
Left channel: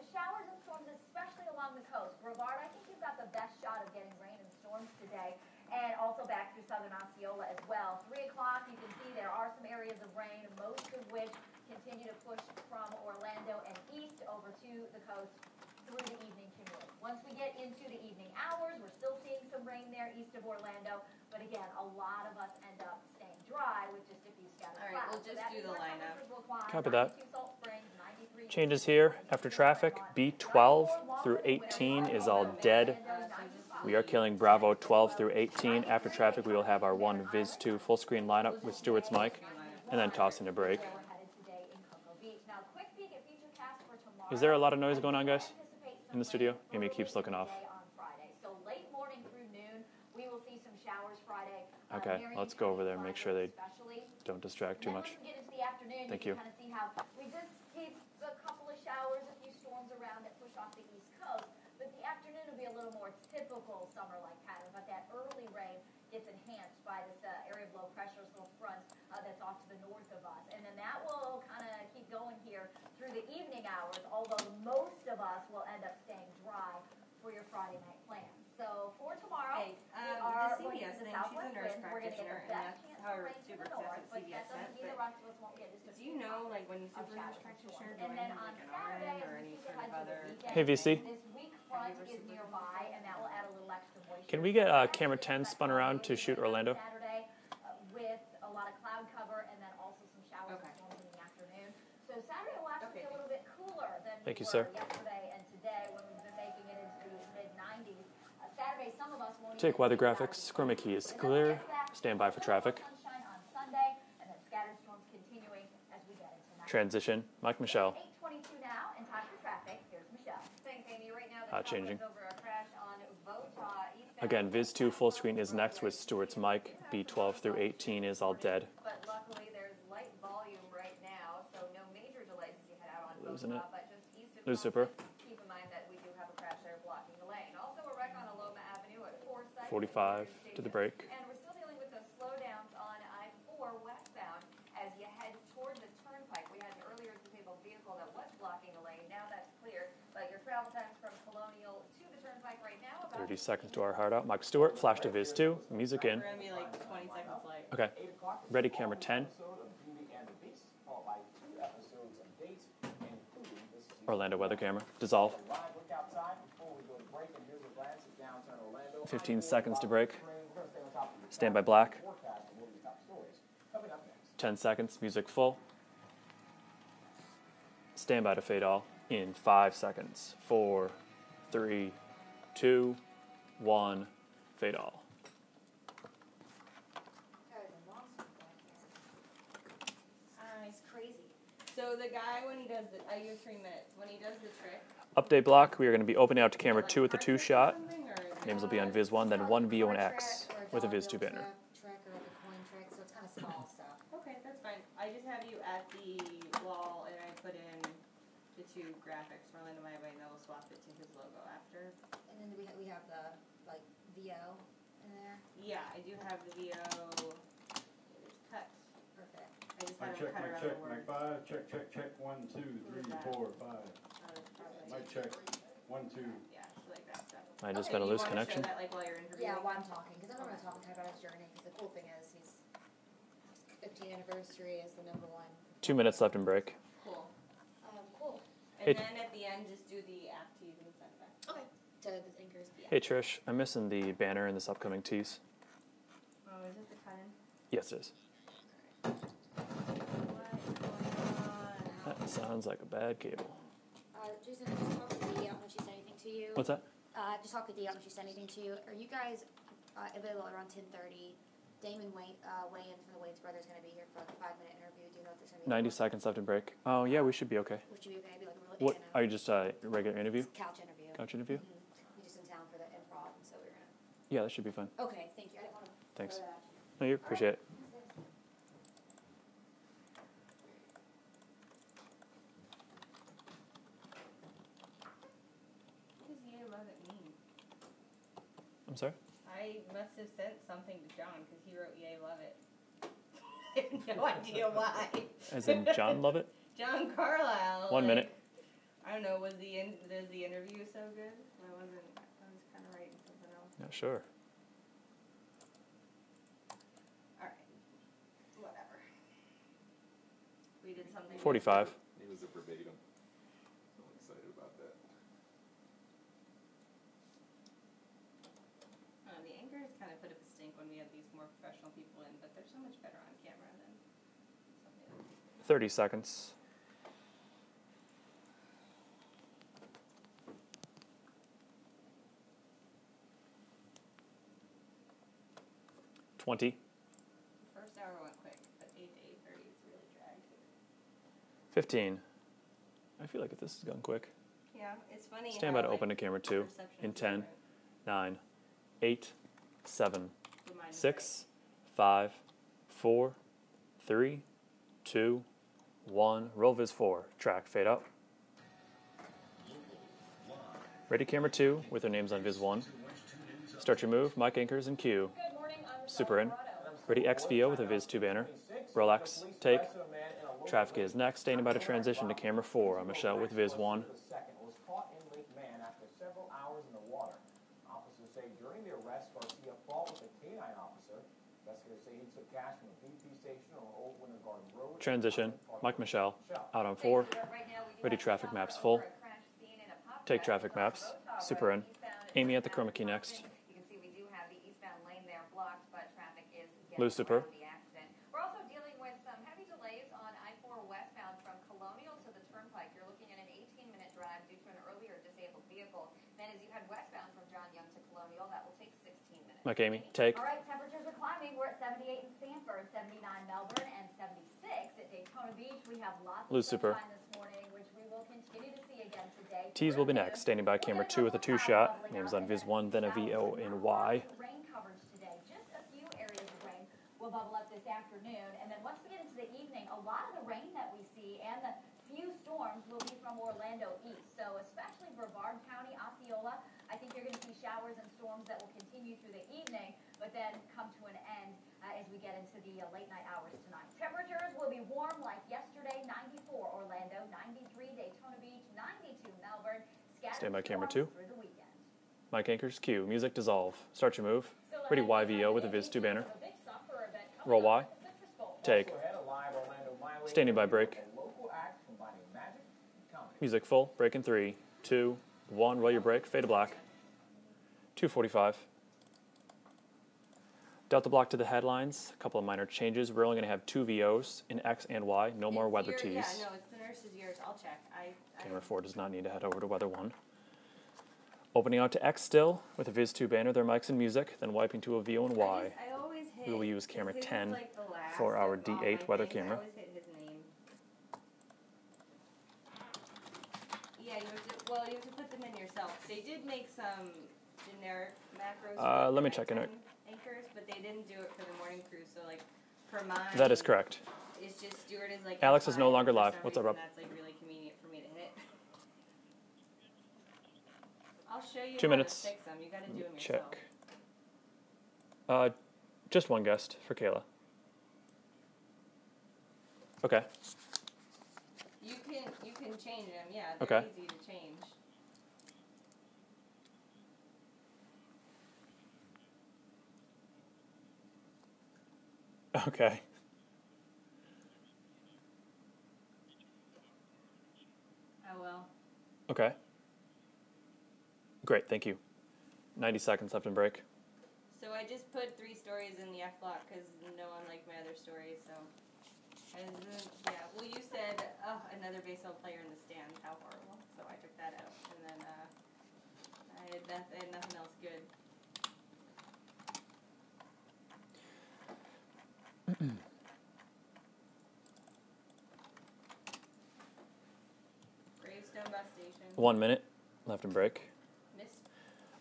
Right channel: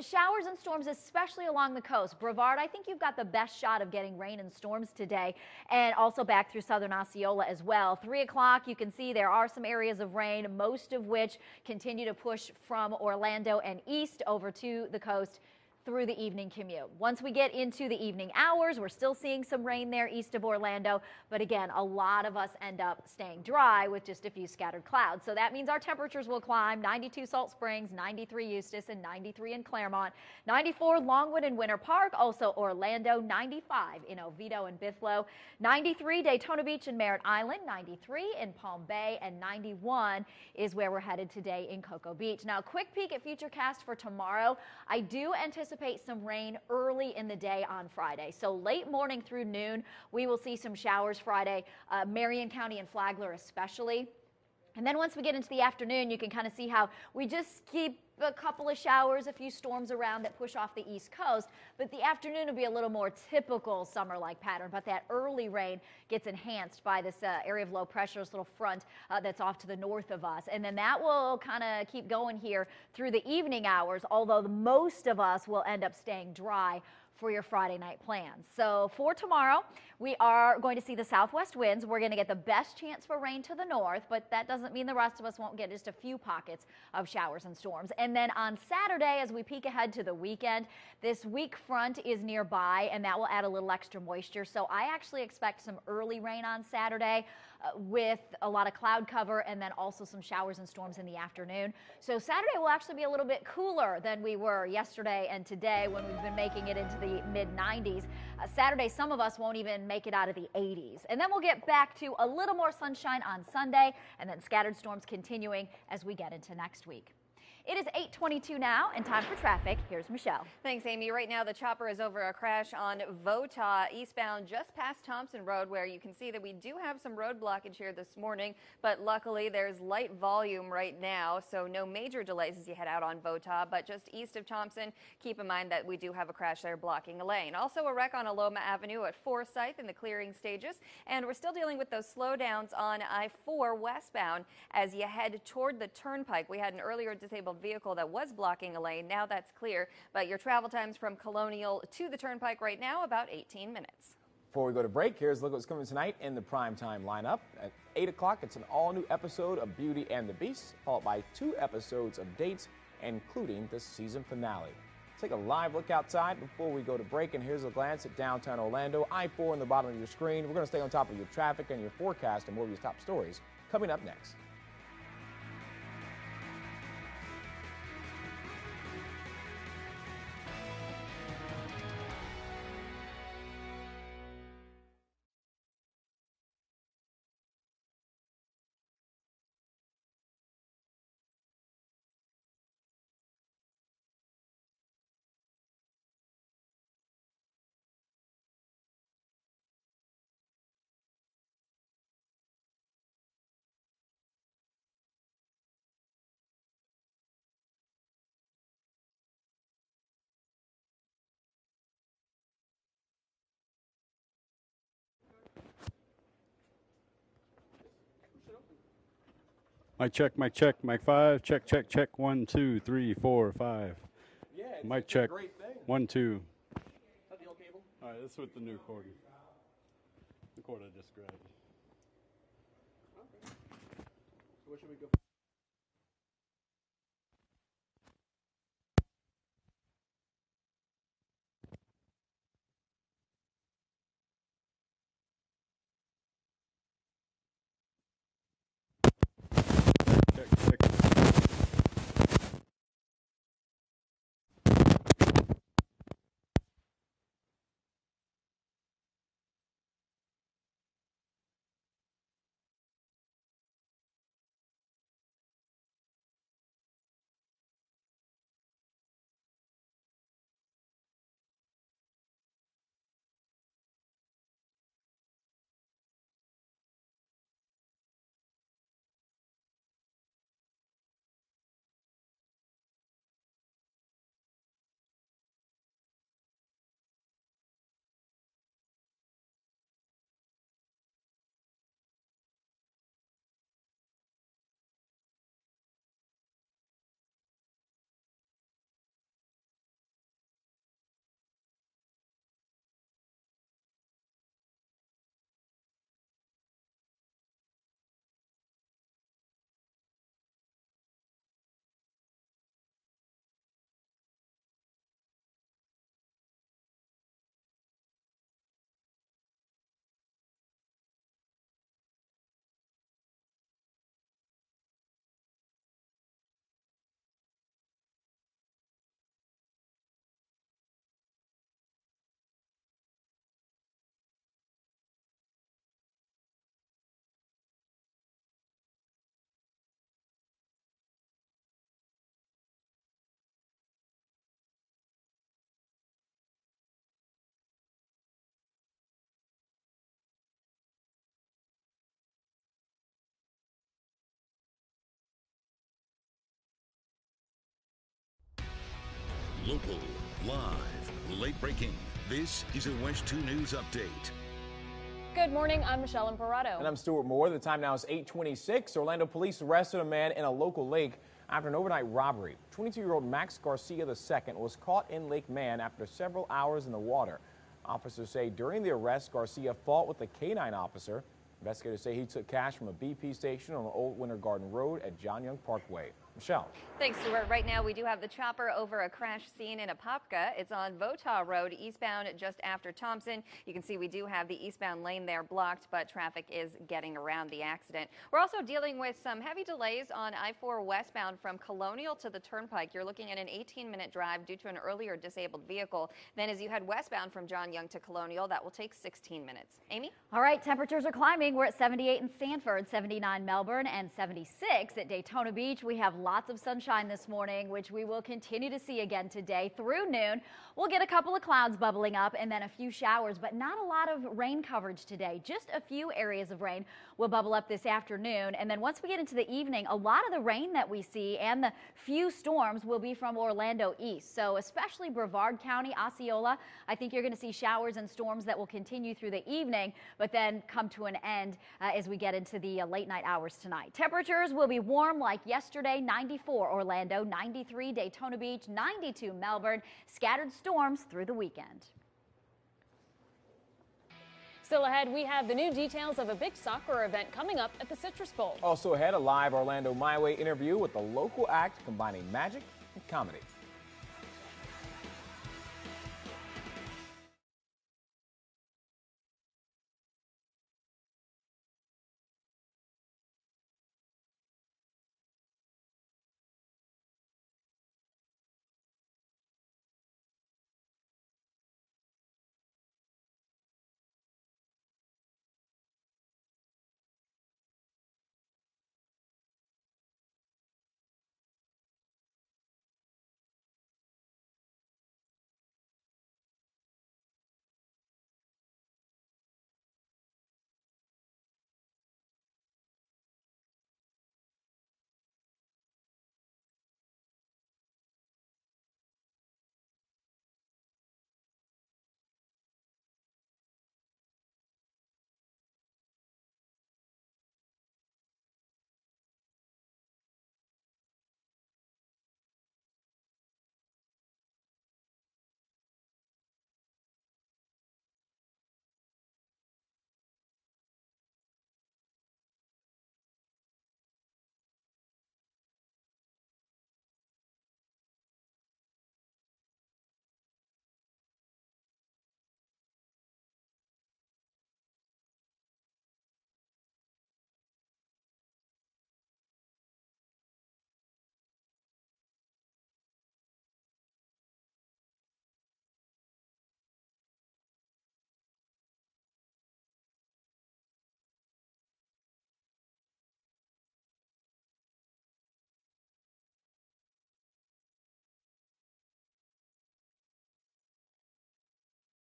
Showers and storms, especially along the coast. Brevard, I think you've got the best shot of getting rain and storms today, and also back through southern Osceola as well. 3 o'clock, you can see there are some areas of rain, most of which continue to push from Orlando and east over to the coast through the evening commute. Once we get into the evening hours, we're still seeing some rain there east of Orlando, but again, a lot of us end up staying dry with just a few scattered clouds. So that means our temperatures will climb. 92 Salt Springs, 93 Eustis, changes here 93 after in traffic. Claremont, B12 94 through Longwood and Winter 18 Park, is also all dead. Orlando, 95. We are killing Bravo 12 through 18. After traffic, we will have our 1 Viz 2 full screen lineup with Stewart's Mike, and then tossing a break. Is where we're headed today in Cocoa Beach. Now, quick peek at Futurecast for tomorrow. Is there a lot of noise going on, guys? I do anticipate some rain studio? early in the day on Friday. So late morning through noon, we will see some showers Friday. Marion County and Flagler especially. Don't distract And then once we get into the afternoon, you can kind of see how we just keep a couple of showers, a few storms around that push off the East Coast. But the afternoon will be a little more typical summer-like pattern. But that early rain gets enhanced by this area of low pressure, this little front that's off to the north of us. And then that will kind of keep going here through the evening hours, although most of us will end up staying dry for your Friday night plans. So for tomorrow, we are going to see the southwest winds. We're going to get the best chance for rain to the north, but that doesn't mean the rest of us won't get just a few pockets of showers and storms. And then on Saturday, as we peek ahead to the weekend, this weak front is nearby, and that will add a little extra moisture. Can we get camera 10 spun around to shoot Orlando? On Saturday, with a lot of cloud cover and then also some showers and storms in the afternoon. So Saturday will actually be a little bit cooler than we were yesterday and today when we've been making it into the mid-90s. Saturday, some of us won't even make it out of the 80s. And then we'll get back to a little more sunshine on Sunday, and then scattered storms continuing as we get into next week. Mike, Michelle. It is 8:22 now, and time for traffic. Here's Michelle. Thanks, Amy. Right now, the chopper is over a crash on Vota eastbound. Again, Viz 2 full screen is next with Stewart's Mike. B12 through 18 is all dead. But luckily, there's light volume right now, so no major delays as you head out on Votah, but just east of Thompson, keep in mind that we do have a crash there blocking a lane. Also a wreck on Aloma Avenue at Forsyth in the clearing stages. And we're still dealing with those slowdowns on I-4 westbound as you head toward the turnpike. We had an earlier disabled vehicle that was blocking a lane. Now that's clear. But your travel times from Colonial to the turnpike right now, about 18 minutes. To our heart out. Mike Stewart, Flash to Viz 2, music in the prime time lineup. At 8 o'clock, it's an all-new episode of Beauty and the Beast, followed by 2 episodes of Dates, including the season Orlando finale. weather camera. Dissolve. Take a live look outside before we go to break, and here's a glance at downtown Orlando. 15 I-4 seconds on the bottom to break. of the screen. We're going to stay on top of your Stand by traffic black. and your forecast and more of your top stories coming up next. 10 seconds. Music full. Stand by to fade all in 5 seconds. 4, 3, 2, 1. Fade all. It's crazy. So the guy, when he does the, I use 3 minutes. When he does the trick. Update block. We are going to be opening out to camera 2 with the 2 shot. Names will be on Viz 1, then 1 VO and X with a Viz 2 banner. Trick or like a coin trick, so it's kind of small stuff. Okay, that's fine. I just have you at the wall, and I put in the 2 graphics for Orlando My Way, and then we'll swap it to his logo after. And then we have the like VO in there. Yeah, I do have the VO. Cut. Perfect. Mic check, mic check, mic 5, check, check, check, 1, 2, 3, 4, 5. Mic check, 1, 2. I just got a loose connection. Yeah, while I'm talking, because I don't want to talk about his journey. Because the cool thing is he's 15th anniversary is the #1. 2 minutes left in break. Cool. Cool. And then at the end, just do the app tease and send it back. Okay. To the thinkers. Yeah. Hey Trish, I'm missing the banner in this upcoming tease. Oh, is it the cut in? Yes, it is. That sounds like a bad cable. Jason, just talk to Dee when she said anything to you. What's that? Just talk to Dee when she said anything to you. Are you guys available around 10:30? Damon Wayans from the Wayans Brothers going to be here for like a 5-minute interview. Do you know if there's going to be 90 seconds left in break. Oh, yeah, we should be okay. We should be okay. Be like a real What? Are you just a regular interview? Couch interview. Couch interview? We're just in town for the improv, and so we're going to. Yeah, that should be fun. Okay, thank you. I didn't want to. Thanks. No, you appreciate it. What does Yay Love It mean? I'm sorry? I must have sent something to John because he wrote Yay Love It. I have no idea why. As in John Lovett? John Carlisle. 1 minute. I don't know. Was the interview so good? I was kind of writing something else. Yeah, sure. All right. Whatever. We did something. 45. It was a verbatim. I'm excited about that. The anchors kind of put up a stink when we had these more professional people in, but they're so much better on camera than something else. 30 seconds. $20. First hour went quick, but 8 to 8:30 is really dragged. 15. I feel like if this has gone quick. Yeah, it's funny. Stand by to open to camera 2 in 10, 9, 8, 7, 6, 5, 4, 3, 2, 1. Roll Viz 4. Track. Fade up. Local, live. Ready camera 2 with their names on Viz 1. Start your move. Mike anchors in Q. Good morning. I'm Michelle Alvarado. And I'm Stuart Moore. The time now is 8:26. Orlando police arrested a man in a local lake. Is next. Stand by to transition to camera 4. 22-year-old Max Viz 1. Garcia II was caught in Lake Man after several hours in the water. Officers say during the arrest, Garcia fought with a canine officer. Investigators say he took cash from a BP station on Old Winter Garden Road. Transition. Parkway. Mike Michelle. Out on 4. Thanks, Stuart. Right now we do Ready have the chopper over a crash scene in Apopka. It's on Votah Road, eastbound Amy just at the after chroma key Thompson. next. You can see we do have the eastbound lane there blocked, but traffic is getting Lucifer. around the accident. We're also dealing with some heavy delays on I-4 westbound from Colonial to the Turnpike. You're looking at an 18-minute drive due to an earlier disabled vehicle. Then as you head westbound from John Young to Colonial, that will take 16 minutes. Amy, take. All right, temperatures are climbing. morning, we're at 78 in Sanford, 79 Melbourne, and 76 at Daytona Beach. We have lots of sunshine this morning, which we will continue to see again today through noon. We'll get a couple of clouds bubbling up and then a few showers, but not a lot of rain coverage today. Just a few areas of rain will bubble up this afternoon. And then once we get into the evening, a lot of the rain that we see and the few storms will be from Orlando east. So especially Brevard County, Osceola, I think you're going to see showers and storms that will continue through the evening, but then come to an end as we get into the late night hours tonight. Temperatures will be warm like yesterday, 94 Orlando, 93 Daytona Beach, 92 Melbourne, scattered storms through the weekend. Mike Anchors, Q, music dissolve. Start your move. Still ahead, we have the new details of a big soccer event coming up at the Citrus Bowl. Also ahead, a live Orlando My Way interview with a local act combining magic and comedy. Music full, break in 3, 2, 1, roll your break, fade to black. 2:45. Delta block to the headlines, a couple of minor changes. We're only going to have 2 VOs in X and Y, no more weather tees. Yeah, no, it's the nurse's ears. I'll check. Camera 4 does not need to head over to weather 1. Opening out to X still with a Viz 2 banner, their mics and music, then wiping to a VO and Y. We will use camera 10 for our D8 weather camera. Yeah, you have to put them in yourself. They did make some generic macros. Let me check in it. Anchors, but they didn't do it for the morning crew. So like for mine, that is correct. It's just Stuart is like. Alex is no longer live. What's up, Rob? That's like really convenient for me to hit. I'll show you 2 minutes. How to fix them. You got to do them yourself. Check. Just one guest for Kayla. Okay. You can change them. Yeah, they're okay. Easy to change. Okay. I will. Okay. Great, thank you. 90 seconds left in break. So I just put 3 stories in the F block because no one liked my other stories. So, yeah. Well, you said another baseball player in the stands. How horrible. So I took that out, and then I had nothing else good. Gravestone bus station. 1 minute left in break.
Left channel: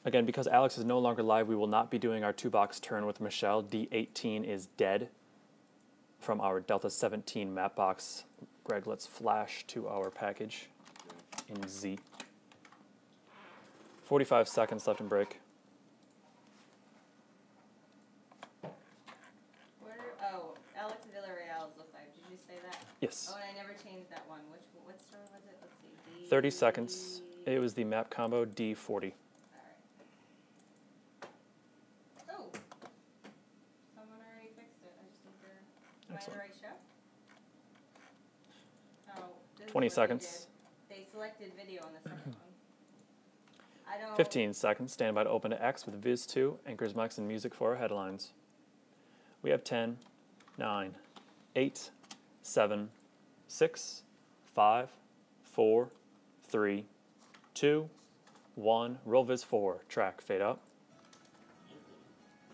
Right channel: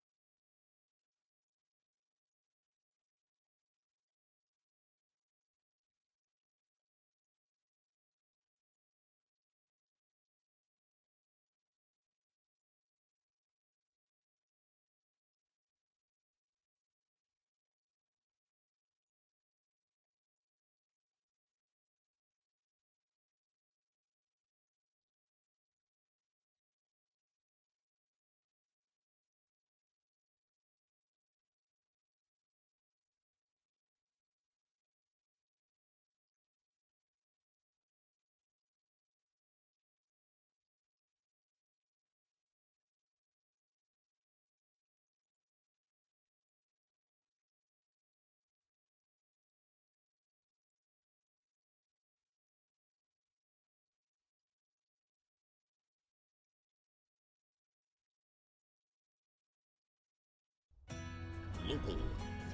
Again, because Alex is no longer live, we will not be doing our 2-box turn with Michelle. D18 is dead from our Delta 17 map box. Greg, let's flash to our package in Z. 45 seconds left in break. Alex Villarreal is the 5. Did you say that? Yes. Oh, and I never changed that one. What store was it? Let's see. 30 seconds. It was the map combo D40. Someone already fixed it. I just need to. Am I in the right show? Oh, this 20 is what seconds. They selected video on the second one. I don't. 15 seconds. Stand by to open to X with Viz 2, anchors, mics, and music for our headlines. We have 10, 9, 8, 7, 6, 5, 4, 3, 2, 1. Roll Viz 4. Track. Fade up. Local,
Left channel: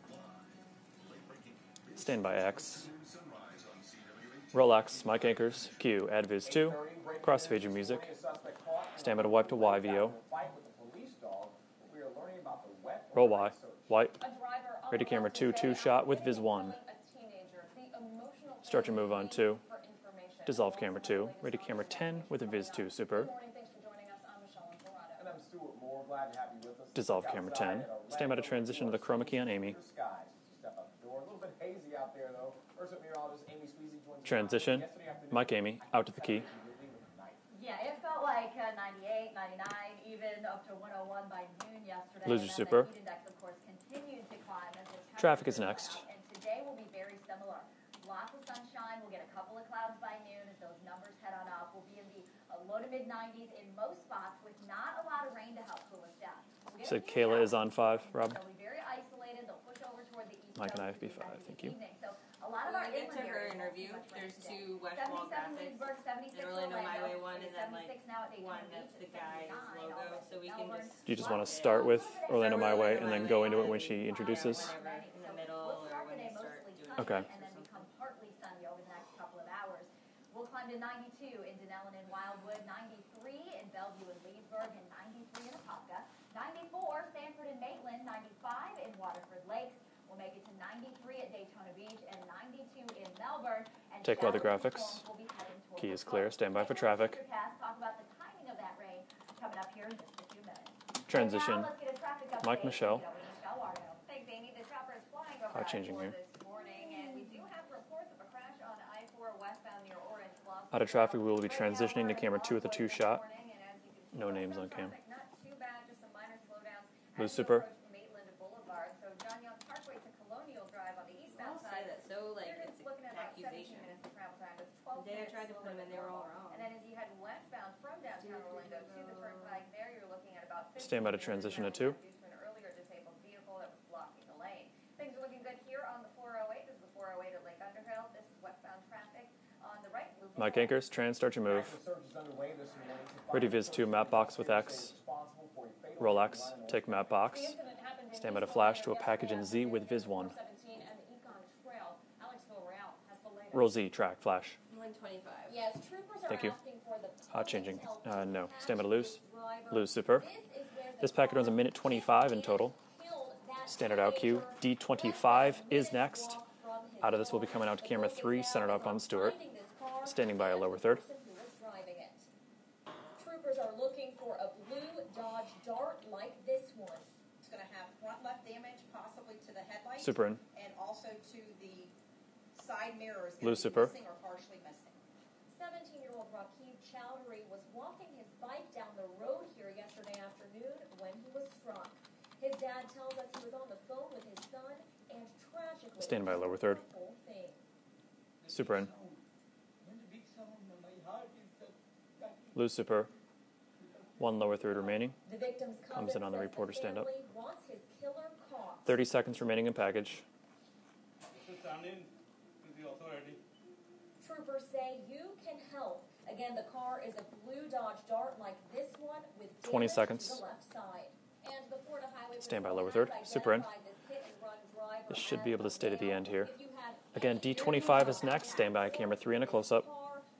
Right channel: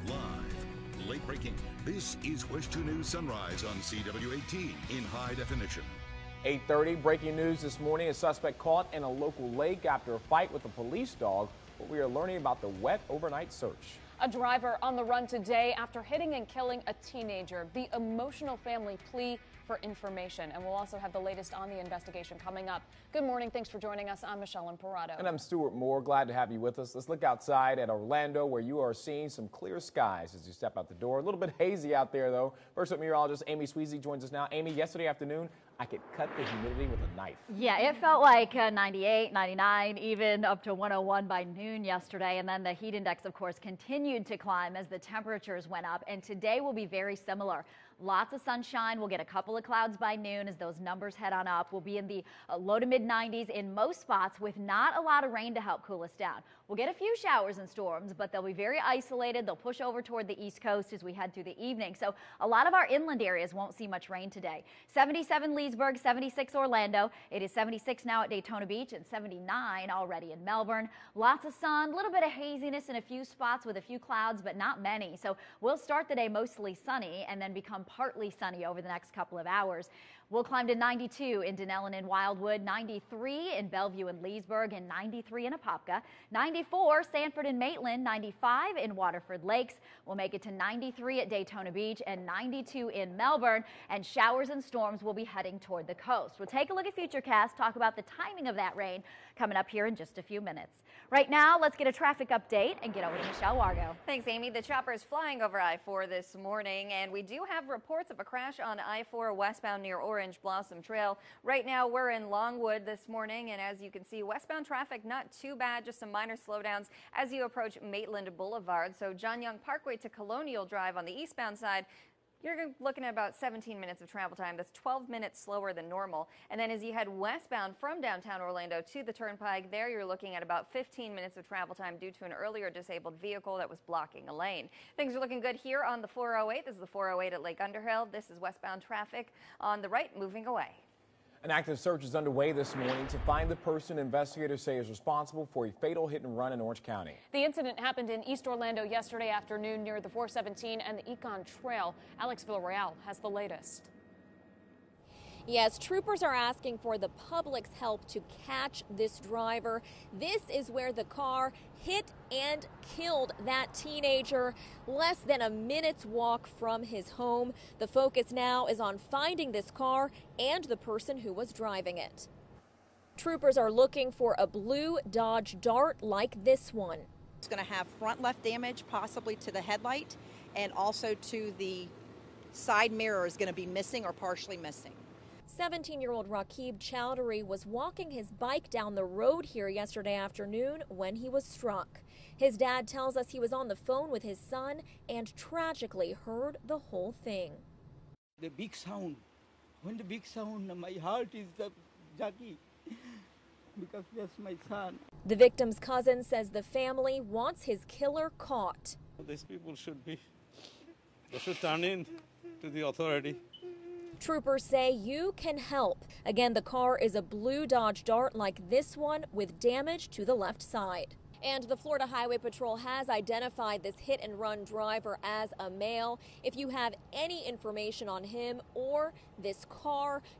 live, late breaking. This Stand by is X. WESH 2 News Sunrise on CW18. Roll X. in Mike high Anchors. definition. Q. Add Viz 2. 8:30 breaking news this music. morning. A suspect caught in Stand by a to wipe local to lake YVO. after a fight with a police dog. But we are learning about the wet Roll overnight Y. search. White. A driver on Ready the run camera 2, today 2 shot after with hitting Viz and 1. killing a teenager. The emotional Start family your move on plea 2. for information. Dissolve and we'll camera also have 2. the latest Ready on camera the 10 investigation with coming Viz up. 2. Super. Good morning. Thanks for joining us. I'm Michelle Imparato. And I'm Stuart Moore. Glad to have you with us. Let's Dissolve look camera outside 10. at Stand by Orlando to where you transition are to seeing chroma key some on Amy. clear skies as you step out the door. A little bit hazy out there, though. First up, meteorologist Amy Sweezy joins us now. Transition. Amy, yesterday afternoon, Mike Amy, I out could to the cut key. the humidity with a knife. Yeah, it felt like 98, 99, even up to 101 by noon yesterday. Lose And then your super. the heat index, of course, continued to climb as the Traffic is temperatures went next. up. And today will be very similar. Lots of sunshine. We'll get a couple of clouds by noon as those numbers head on up. We'll be in the low to mid 90s in most spots with not a lot of rain to help cool us down. We'll get a few showers and storms, but they'll be very isolated. They'll push over toward the east coast as we head through the evening. So a lot of our inland areas won't see much rain today. 77 Leesburg, 76 Orlando. It is 76 now at Daytona Beach and 79 already in Melbourne. You just want to start with Orlando My Way and then go into it when she introduces? But not many. So we'll start the day mostly sunny and then become partly sunny over the next couple of hours. We'll climb to 92 in Denellen and Wildwood, 93 in Bellevue and Leesburg, and 93 in Apopka, 94 Sanford and Maitland, 95 in Waterford Lakes. We'll make it to 93 at Daytona Beach and 92 in Melbourne, and showers and storms will be heading toward the coast. We'll take a look at Futurecast, talk about the timing of that rain coming up here in just a few minutes. Right now, let's get a traffic update and get over to Michelle Wargo. Thanks, Amy. The chopper is flying over I-4 this morning, and we do have reports of a crash on I-4 westbound near Orange Blossom Trail. Out of traffic, we will be transitioning to camera 2 with the 2 shot. Morning, and as you can see, westbound traffic not too bad, just some minor slowdowns as you approach Maitland Boulevard. So John Young Parkway to Colonial Drive on the eastbound side, you're looking at about 17 minutes of travel time. That's 12 minutes slower than normal. And then as you head westbound from downtown Orlando to the Turnpike, there you're looking at about 15 minutes of travel time due to an earlier disabled vehicle that was blocking a lane. Things are looking good here on the 408. This is the 408 at Lake Underhill. This is westbound traffic on the right moving away. Mike Anchors, start your move. An active search is underway this morning to find the person investigators say is responsible for a fatal hit and run in Orange County. The incident happened in East Orlando yesterday afternoon near the 417 and the Econ Trail. Alex Villarreal has the latest. Roll Z, track, flash. Yes, troopers are asking for the public's help to catch this driver. This is where the packet runs a minute 25 in total. Killed that Standard teenager D25 less than a minute's walk from his home. Will be coming out the focus 3, now is on finding this car and the person who was driving it. Troopers are looking for a blue Dodge Dart like this one. It's going to have front left damage, possibly to the headlight, and also to the side mirror is going to be missing or partially missing. 17-year-old Rakib Chowdhury was walking his bike down the road here yesterday afternoon when he was struck. His dad tells us he was on the phone with his son and tragically heard the whole thing. The big sound. When the big sound, my heart is Jackie. Lucifer. 1 lower third remaining. The victim's cousin says the family wants his killer caught. 30 seconds remaining in package. This should turn in to the authority. Troopers say you can help. Again, the car is a blue Dodge Dart like this one with damage to the left side. And the Florida Highway Patrol has identified this hit-and-run driver as a male. If you have any information D25 is next. Stand by camera 3 and a close-up.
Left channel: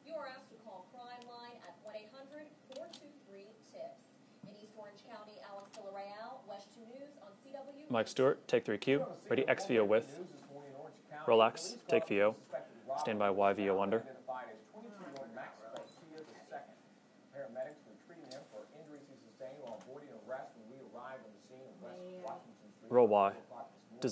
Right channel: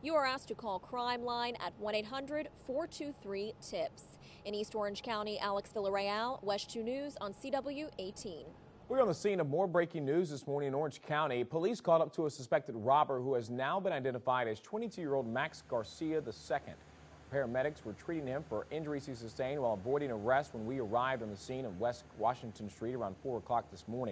You are asked to call Crime Line at 1-800-423-TIPS. In East Orange County, Alex Villarreal, WESH 2 News on CW Mike 18. Stewart, take 3Q. We're on the scene of more breaking news this morning in Orange County. Police called up to a suspected robber who has now been identified as 22-year-old Max Garcia II. Paramedics were treating him for injuries he sustained while avoiding arrest when we arrived on the scene of West Washington Street around 4 o'clock this morning.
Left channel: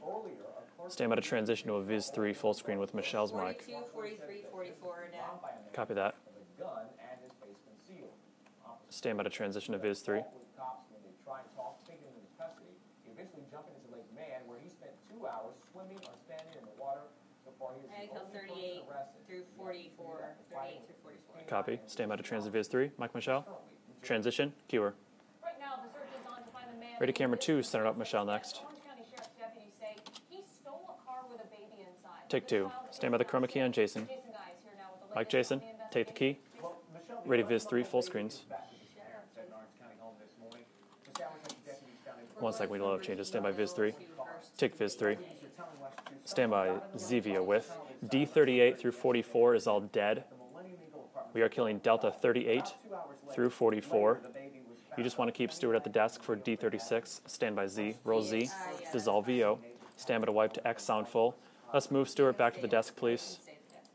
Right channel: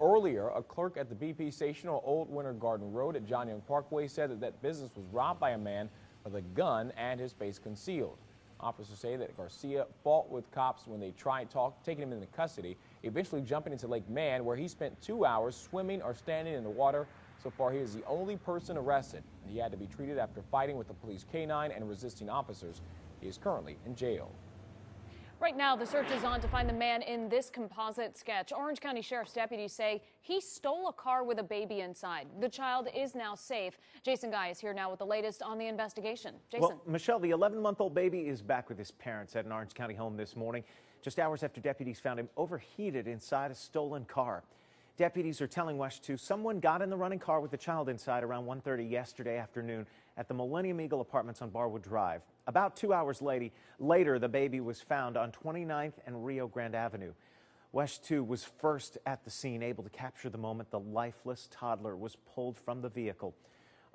Earlier, a clerk at the transition to a Viz 3 full screen with Michelle's mic. Parkway said that business was robbed by a man with a gun and his face concealed. Officers say that Garcia fought with cops when they tried taking him into custody, eventually jumping into Lake Man, where he spent 2 hours swimming or standing in the water. So far, he is the only person arrested. He had to be treated after fighting with the police canine and resisting officers. Viz 3. Mike Michelle. He's currently in jail. Transition. Cure. Right now, the search is on to find the man in this composite sketch. Next. Orange County Sheriff's deputies say he stole a car with a baby inside. Take the child is now safe. Jason. Jason Guy is here now with the latest on the investigation. Take the key. Well, Michelle, the 11-month-old baby is back with his parents at an Orange County home this morning. Just hours after deputies found him overheated inside a stolen car. Take Viz 3. Deputies are telling WESH 2 someone got in the running car with a child inside D38 through 44 is all dead. At the Millennium Eagle Apartments. We are killing Delta 38 about 2 hours later, through 44. The baby was found. You just want to keep Stewart at the desk for D36. Stand by Z. Roll Z. Dissolve VO. Stand by to wipe to X on full. Let's move Stewart back to the desk, please.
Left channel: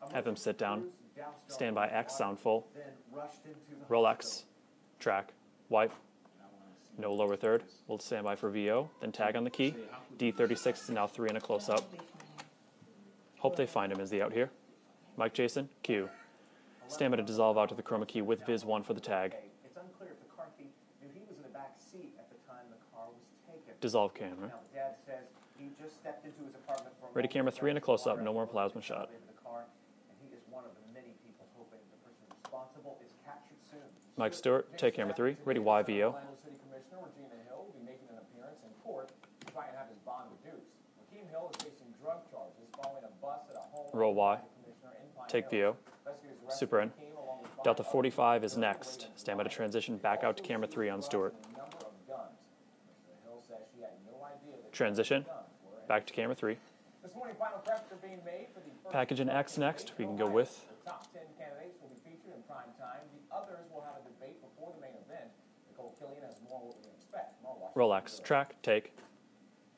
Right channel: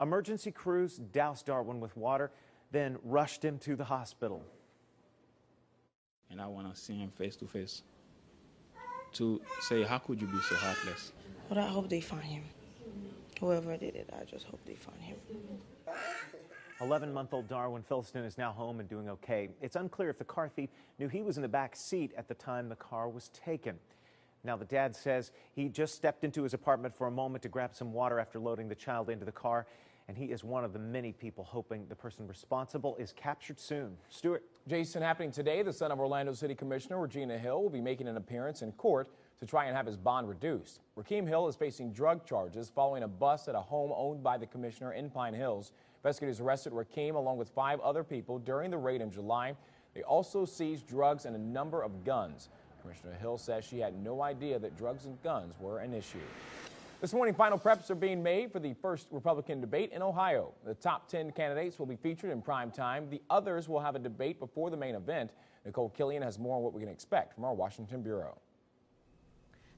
Emergency crews doused Darwin with water, then rushed him to the hospital. Track. Wipe. And I want to see him no lower third. We'll stand by for VO. Then tag on the key. D36 is now 3 and a close up. Hope they find him. Hope they find him is the out here. Mike Jason, Q. Stand by to dissolve out to the chroma key with Viz 1 for the tag. Okay. It's unclear if the car thief knew he was in the back seat at the time the car was taken. Dissolve camera. Now, the dad says he just stepped into his apartment for a moment to grab some water after loading the child into the car, and he is one of the many people hoping the person responsible is captured soon. Mike Stewart, take camera 3. Today, the son of Orlando City Commissioner Regina Hill will be making an appearance in court to try and have his bond reduced. Rakeem Hill is facing drug charges following a bust at a home owned by the commissioner in Pine Hills. Investigators arrested Rakeem along with 5 other people during the raid in July. Stand by to transition back out to camera 3 on Stewart. And a number of guns. Commissioner Hill says she had no idea that guns were an back issue. to camera 3. This morning, final preps are being made for the first Republican debate in Ohio. The top 10 candidates will be featured in prime time. The others will have a debate before the main event. Nicole Killian has more on what we can expect from our Washington Bureau. Track, take.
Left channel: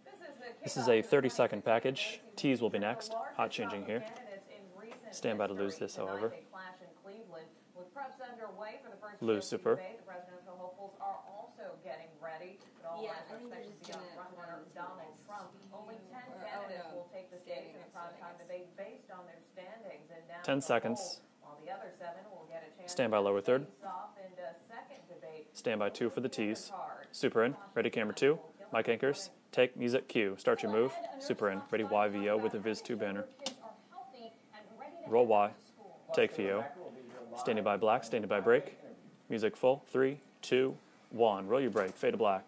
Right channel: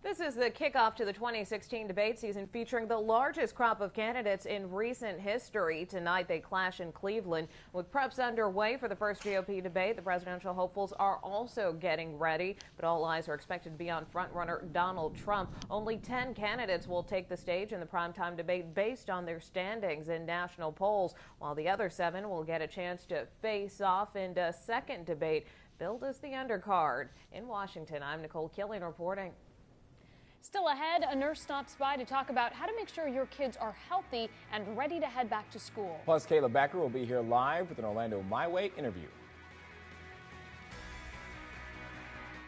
This is the kickoff to the 2016 debate season, featuring the largest crop of candidates in recent history. Tonight they clash in Cleveland. With preps underway for the first GOP debate, the presidential hopefuls are also getting ready, but all eyes are expected to be on frontrunner Donald Trump. Only 10 candidates will take the stage in the primetime debate based on their standings in national polls, while the other 7 will get a chance to face off in a second debate. Stand by 2 for the tees. Super in. Ready camera 2. Mike Anchors. Take music cue. Start Still your move. Ahead, a nurse Super in. stops Ready by to talk YVO about with a how to Viz make 2 sure banner. your kids are healthy and ready to head back to school. Plus, Caleb Becker will be here live. Standing by black, standing by break. Interview. Music full. 3, 2, 1. Roll your break. Fade to black.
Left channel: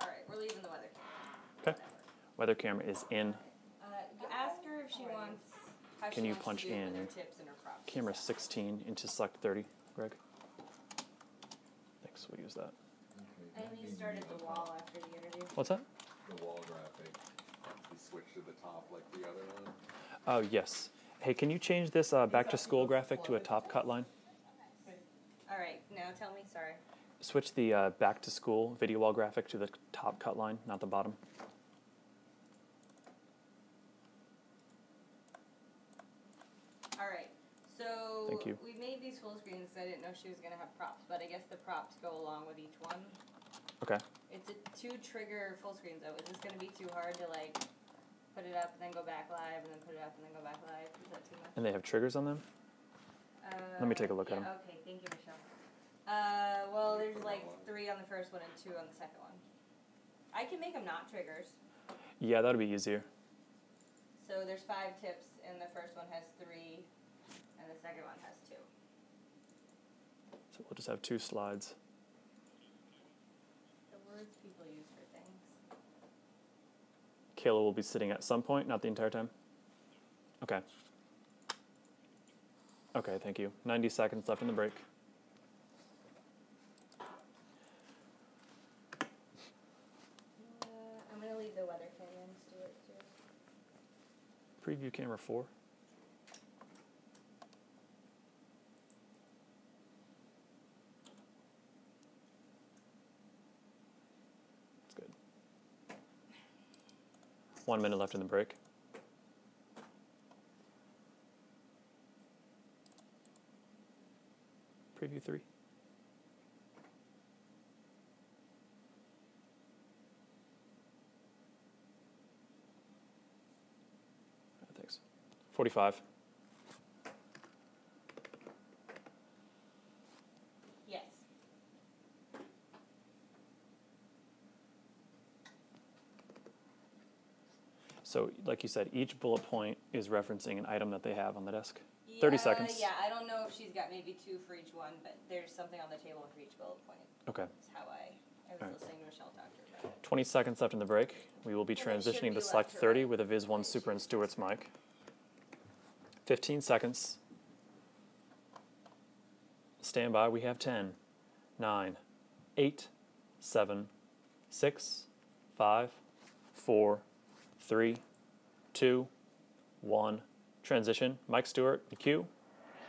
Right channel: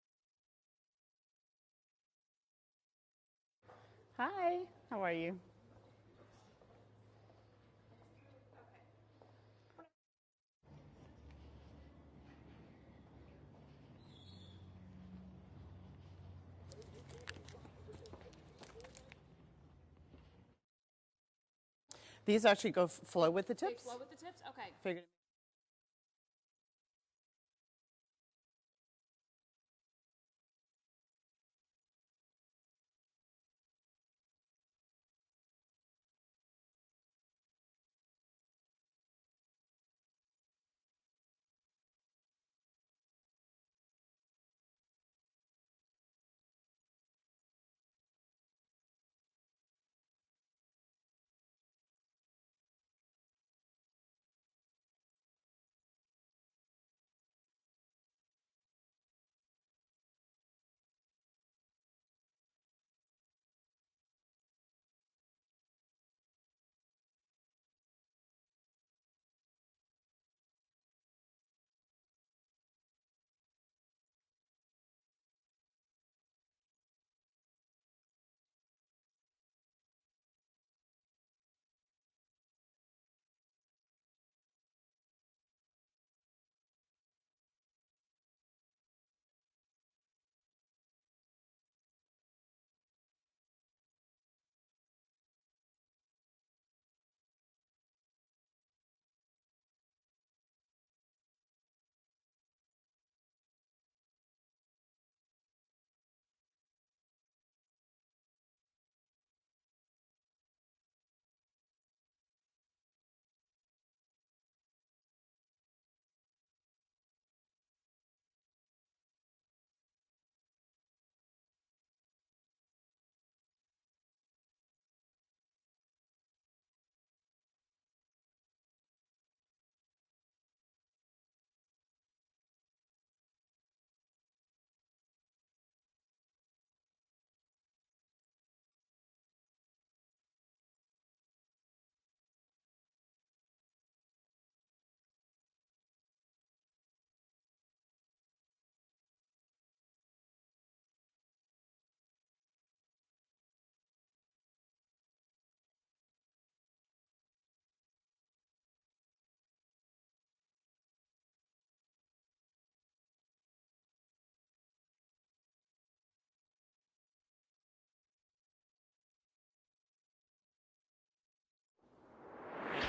All right, we're leaving the weather. Okay. Weather camera is in. Hi. How are you? Can you punch in camera 16 into select 30, Greg? Thanks. We'll use that. I think you started the wall after the interview. What's that? The wall graphic. They switched to the top like the other one. Oh, yes. Hey, can you change this back to school graphic to a top cut line? Okay. All right, now tell me, sorry. Switch the back to school video wall graphic to the top cut line, not the bottom. All right, so thank you. We made these full screens because I didn't know she was going to have props, but I guess the props go along with each one. Okay. It's a 2 trigger full screens though. Is this going to be too hard to like put it up and then go back live and then put it up and then go back live? Is that too much? And they have triggers on them? Let me take a look at them. Okay, thank you, Michelle. Well, there's like 3 on the first one and 2 on the second one. I can make them not triggers. Yeah, that'd be easier. So there's 5 tips, and the first one has 3, and the second one has 2. So we'll just have 2 slides. The words people use for things. Kayla will be sitting at some point, not the entire time? Okay. Okay, thank you. 90 seconds left in the break. I'm going to leave the weather camera and Stuart too. Preview camera 4. That's good. 1 minute left in the break. Preview 3. Thanks. 45. Yes. So, like you said, each bullet point is referencing an item that they have on the desk. 30 seconds. Yeah, I don't know if she's got maybe 2 for each one, but there's something on the table for each bullet point. Okay. That's how I was listening to Michelle talk to her about it. 20 seconds left in the break. We will be transitioning to select 30 with a Viz 1 Super and Stewart's mic. 15 seconds. Stand by. We have 10, 9, 8, 7, 6, 5, 4, 3, 2, 1. Transition. Mike Stewart, the cue.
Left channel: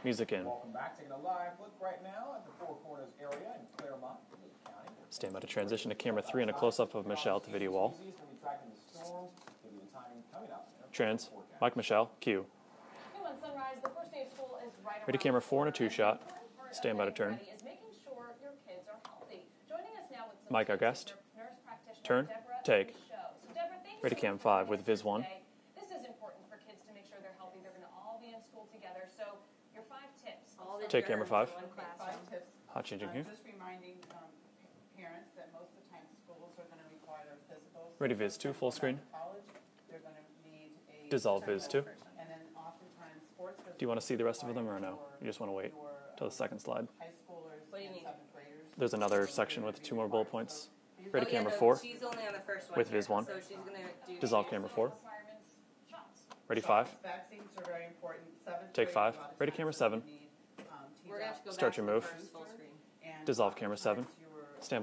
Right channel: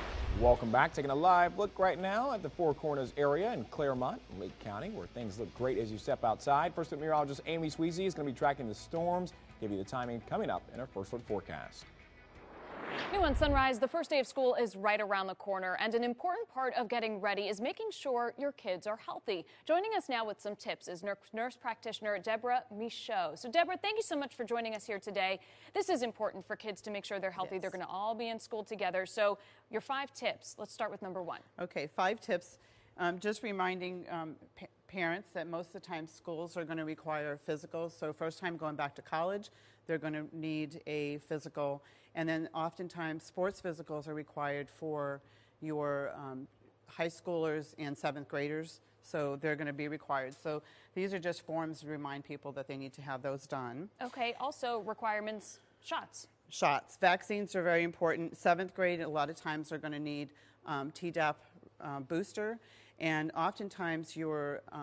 Music in. Welcome back. Taking a live look right now at the Four Corners area in Claremont, Lake County, where things look great as you step outside. First meteorologist Amy Sweezy is going to be tracking the storms, give you the timing coming up in our first forecast. Mike Michelle, cue. New on Sunrise, the first day of school is right around the corner, and an important part of getting ready is making sure your kids are healthy. Joining us now with some tips is nurse practitioner Deborah Michaud. So Deborah, thank you so much for joining us here today. This is important for kids to make sure they're healthy. They're going to all be in school together. So your 5 tips. Let's start with number 5. Okay, 5 tips. Just reminding parents that most of the time schools are going to require physicals. So first time going back to college, they're going to need a physical. And then oftentimes sports physicals Do you want to see the rest of them or no? for You just want to wait your till the second slide. high schoolers and 7th graders. There's another so section with 2 more bullet points. So these are just ones to remind people that they need to have those done. Okay, also requirements, shots. Shots. Vaccines are very important. 7th grade, a lot of times they're going to need Tdap booster. And oftentimes you're going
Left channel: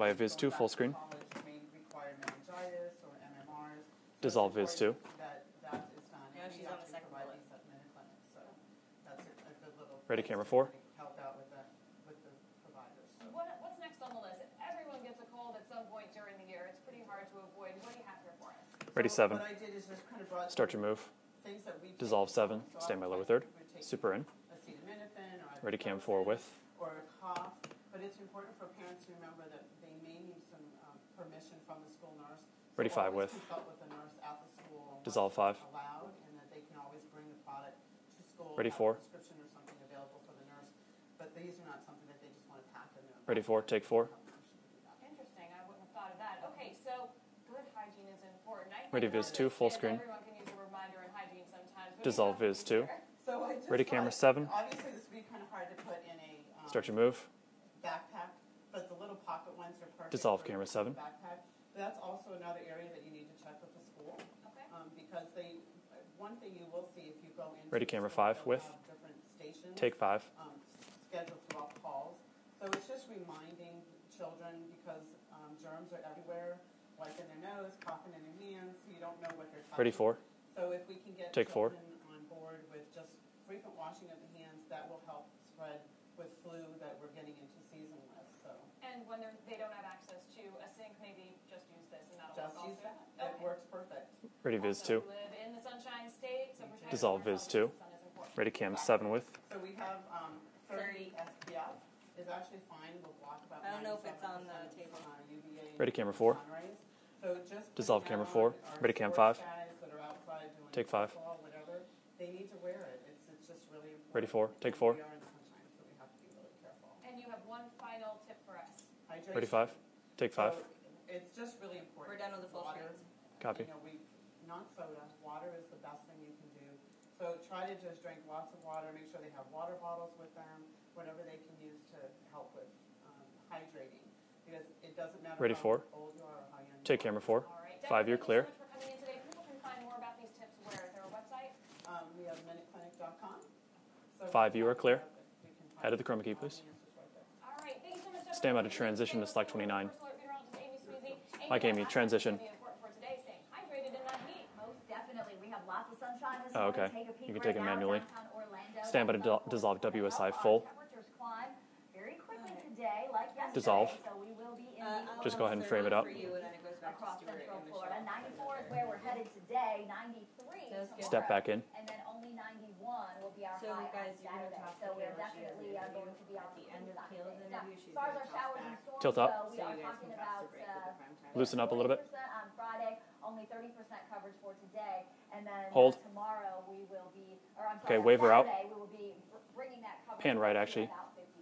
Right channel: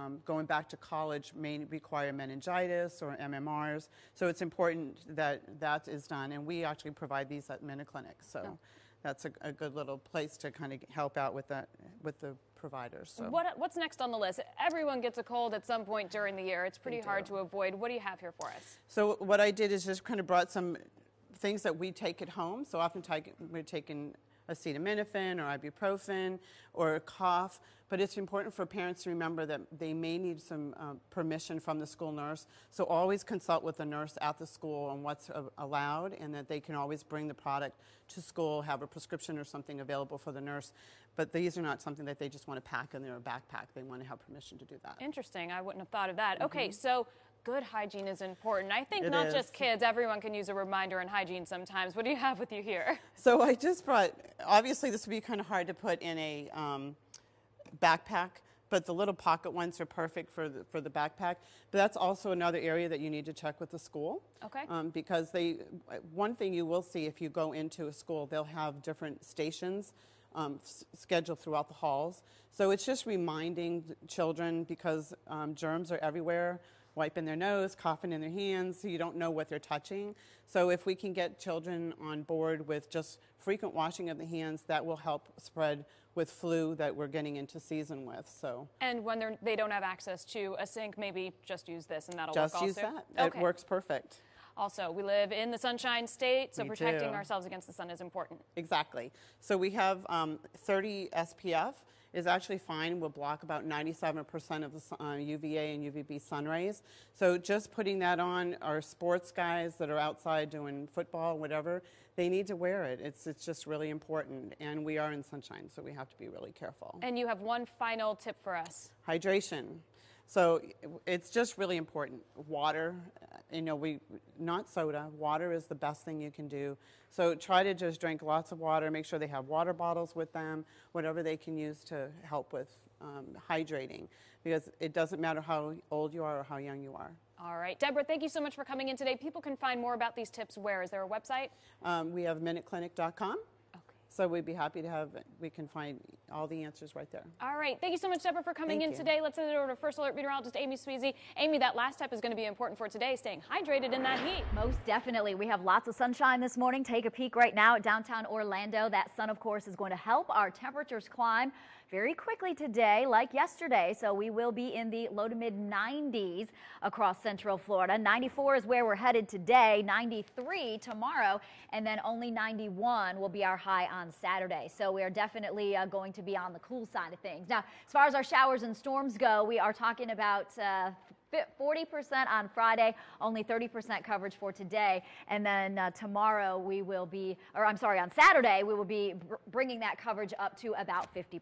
back to college may require meningitis or MMRs. So it's important that that is done. And we actually provide these at MinuteClinic. So that's a good little place to kind of help out with that with the providers. So. What's next on the list? Everyone gets a cold at some point during the year. It's pretty hard to avoid. What do you have here for us? So what I did is just kind of brought some things that we take at home. So often we're taking acetaminophen or ibuprofen or a cough. But it's important for parents to remember that they may need some permission from the school nurse. So always consult with the nurse at the school on what's allowed, and that they can always bring the product to school, have a prescription or something available for the nurse. But these are not something that they just want to pack in their backpack. They wouldn't have permission to do that. Interesting. I wouldn't have thought of that. Okay, so good hygiene is important. I think not just kids, everyone can use a reminder on hygiene sometimes. What do you have with you here? So I just brought, obviously this would be kind of hard to put in a backpack, but the little pocket ones are perfect for the backpack. But that's also another area that you need to check with the school. Okay. Because one thing you will see if you go into a school, they'll have different stations scheduled throughout the halls. So it's just reminding children, because germs are everywhere, wiping their nose, coughing in their hands, so you don't know what they're touching. So if we can get children on board with just frequent washing of the hands, that will help spread with flu that we're getting into season with. So. And when they don't have access to a sink, maybe just use this and that'll work also? Just use that. Okay. It works perfect. Also, we live in the Sunshine State, so protecting ourselves against the sun is important. So we have 30 SPF is actually fine. We'll block about 97% of the UVA and UVB sun rays. So just putting that on, our sports guys that are outside doing football, whatever, they need to wear it. It's just really important. And we are in sunshine, so we have to be really careful. And you have one final tip for us. Hydration. So it's just really important. Water. You know, not soda. Water is the best thing you can do. So try to just drink lots of water. Make sure they have water bottles with them, whatever they can use to help with hydrating. Because it doesn't matter how old you are or how young you are. Take camera 4. All right. Deborah, thank you so much for coming in today. People can find more about these tips where? Is there a website? We have minuteclinic.com. So we'd be happy to have it. We can find all the answers right there. All right. Thank you so much, Deborah, for coming in today. Let's send it over to First Alert meteorologist Amy Sweezy. Amy, that last tip is going to be important for today, staying hydrated in that heat. Most definitely. We have lots of sunshine this morning. Take a peek right now at downtown Orlando. That sun, of course, is going to help our temperatures climb very quickly today, like yesterday. So we will be in the low to mid-90s across Central Florida. 94 is where we're headed today, 93 tomorrow, and then only 91 will be our high on Saturday. So we are definitely going to be on the cool side of things. Now, as far as our showers and storms go, we are talking about 40% on Friday, only 30% coverage for today, and then tomorrow we will be, or I'm sorry, on Saturday we will be bringing that coverage up to about 50%.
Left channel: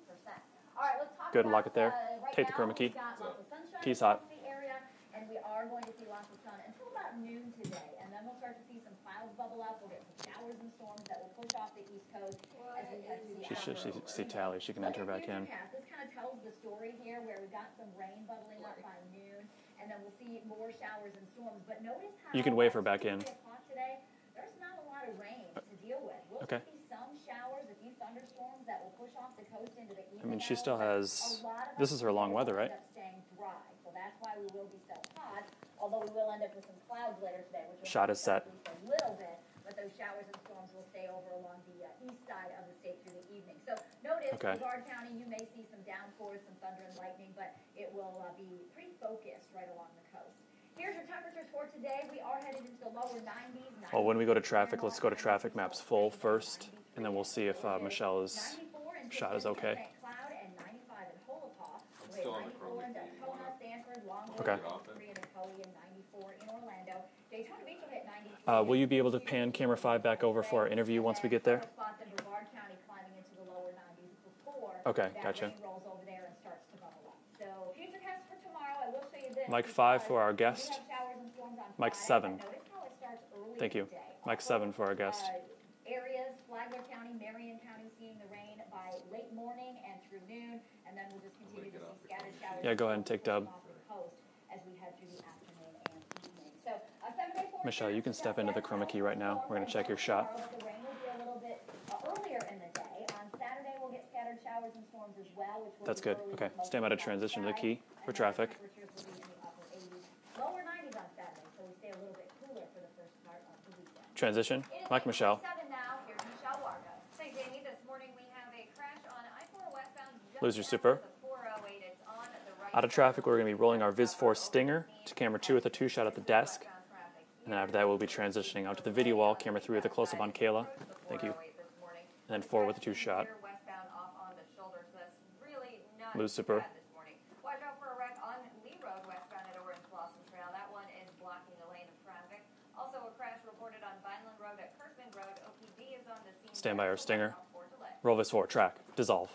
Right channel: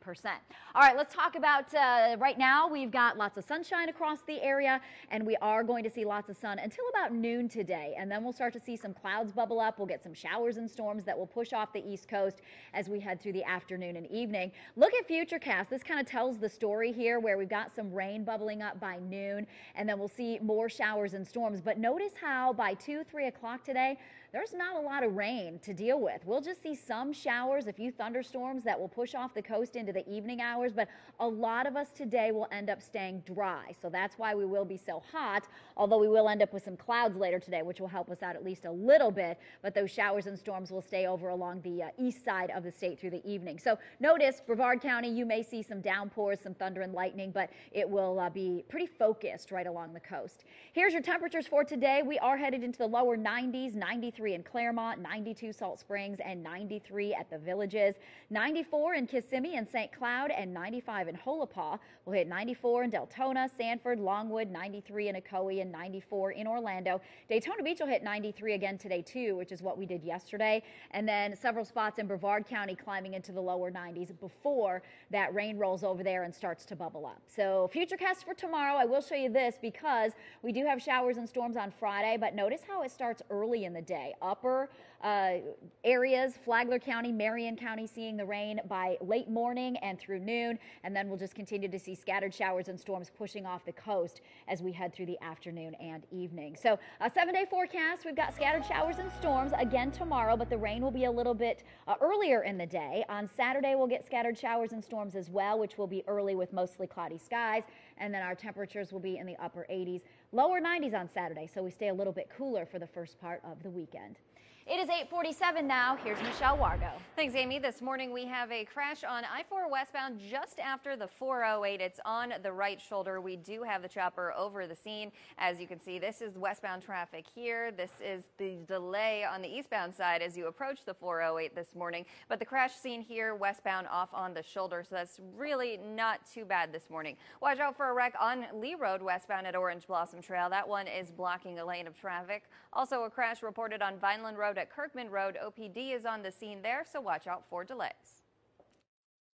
All right, let's talk about right now. We've got lots of sunshine across the area, and we are going to see lots of sun until about noon today, and then we'll start to see some clouds bubble up. We'll get some showers and storms that will push off the East Coast as we head through the afternoon and evening. Look at Futurecast. This kind of tells the story here, where we've got some rain bubbling up by noon, and then we'll see more showers and storms. But notice how by 2 or 3 o'clock today, there's not a lot of rain to deal with. We'll just see some showers, a few thunderstorms that will push off the coast into the evening hours, but a lot of us today will end up staying dry. So that's why we will be so hot, although we will end up with some clouds later today, which will help us out at least a little bit. But those showers and storms will stay over along the east side of the state through the evening. So notice, Brevard County, you may see some downpours, some thunder and lightning, but it will be pretty focused right along the coast. Here's your temperatures for today. We are headed into the lower 90s, 93 when we go to traffic, Claremont, let's go to traffic maps full first, and 93 and then we'll at the see Villages, if 94 in Kissimmee okay. and St. Cloud, and 95 in Holopaw. We'll hit 94 in Deltona, Sanford, Longwood, 93 in Ocoee, and 94 in Orlando. Daytona Beach will hit 93 again will you today, be able to pan camera 5 back over for our interview once we get there? And then several spots in Brevard County climbing into the lower 90s before that rain rolls over there and starts to bubble up. So Futurecast for tomorrow, I will show you this because 5 for our guest. We do have showers and storms on Friday, but notice how it starts early in the day. Mike 7 for our guest. Areas, Flagler County, Marion County seeing the rain by late morning and through noon, and then we'll just continue to see scattered showers and storms pushing off the coast as we head through the afternoon and evening. So a 7-day forecast, we've got scattered showers and storms again tomorrow, but the rain will be a little bit earlier in the day. On Saturday, we'll get scattered showers and storms as well, which will be early with mostly cloudy skies, and then our temperatures will be in the upper 80s. Lower 90s on Saturday, so we stay a little bit cooler for the first part of the weekend. Transition. It is 8:47 now. Here's Michelle Wargo. Thanks, Amy. This morning we have a crash on I-4 westbound just after super. the 408. It's on the right shoulder. Out of traffic, we're going to be rolling our Viz 4 Stinger to camera 2 with a 2-shot at the desk. Westbound traffic here. Now that will be transitioning out to the video wall, camera 3 with a close-up on Kayla. Approach the 408 this morning, but the crash scene here westbound off on the shoulder, so that's really not too bad this morning. Watch out for a wreck on Lee Road westbound at Orange Blossom Trail. That one is blocking a lane of traffic. Also, a crash reported on Vineland Road at Kirkman Road. OPD is on the scene there, so watch out for delays. Roll Viz 4, track, dissolve.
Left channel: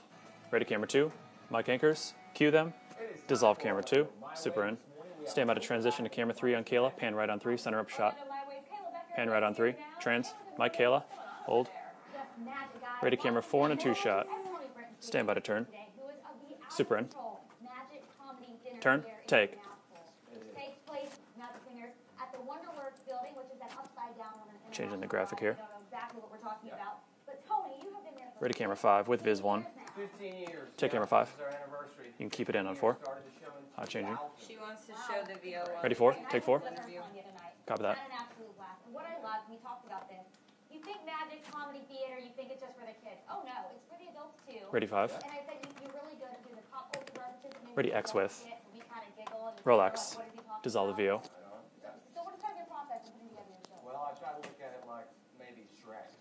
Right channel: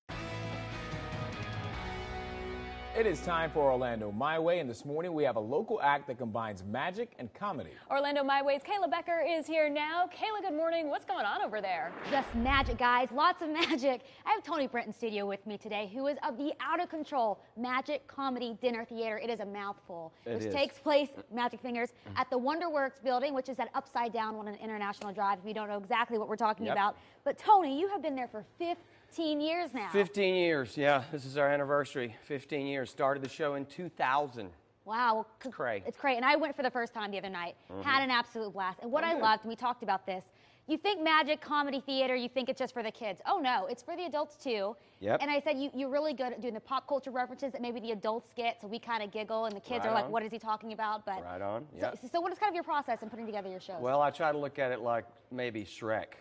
Ready, camera 2. Mike anchors, cue them. It is time dissolve for camera Orlando 2. My Way. This morning we have stand a by to transition to act camera 3 on Kayla. Pan right on 3, center up shot. Orlando My Way's Kayla Becker is here now. Trans. Kayla, good Mike, morning. Kayla. What's going on over there? Just magic, guys. Ready, lots camera of 4 and a magic. 2-shot. I have Tony Brent in studio with me today, who is of the Out of Control Magic Comedy Dinner Theater. It is a mouthful. Which takes place, Magic Fingers, at the WonderWorks building, which is that upside down one on International Drive. You don't know exactly what we're talking about. But Tony, you have been there for 15 years now. 15 years, yeah. This is our anniversary. 15 years. Started the show in 2000. Wow, great. And I went for the first time the other night. Had an absolute blast. And what I loved, and we talked about this, you think magic comedy theater, you think it's just for the kids. Oh no, it's for the adults too. Ready, 5. And I said you're really good at doing the pop culture references that maybe Ready, the adults get, so we kind of giggle and the kids are like, what is he talking about? Right on. So what is kind of your process in putting together your shows? Well, I try to look at it like maybe Shrek.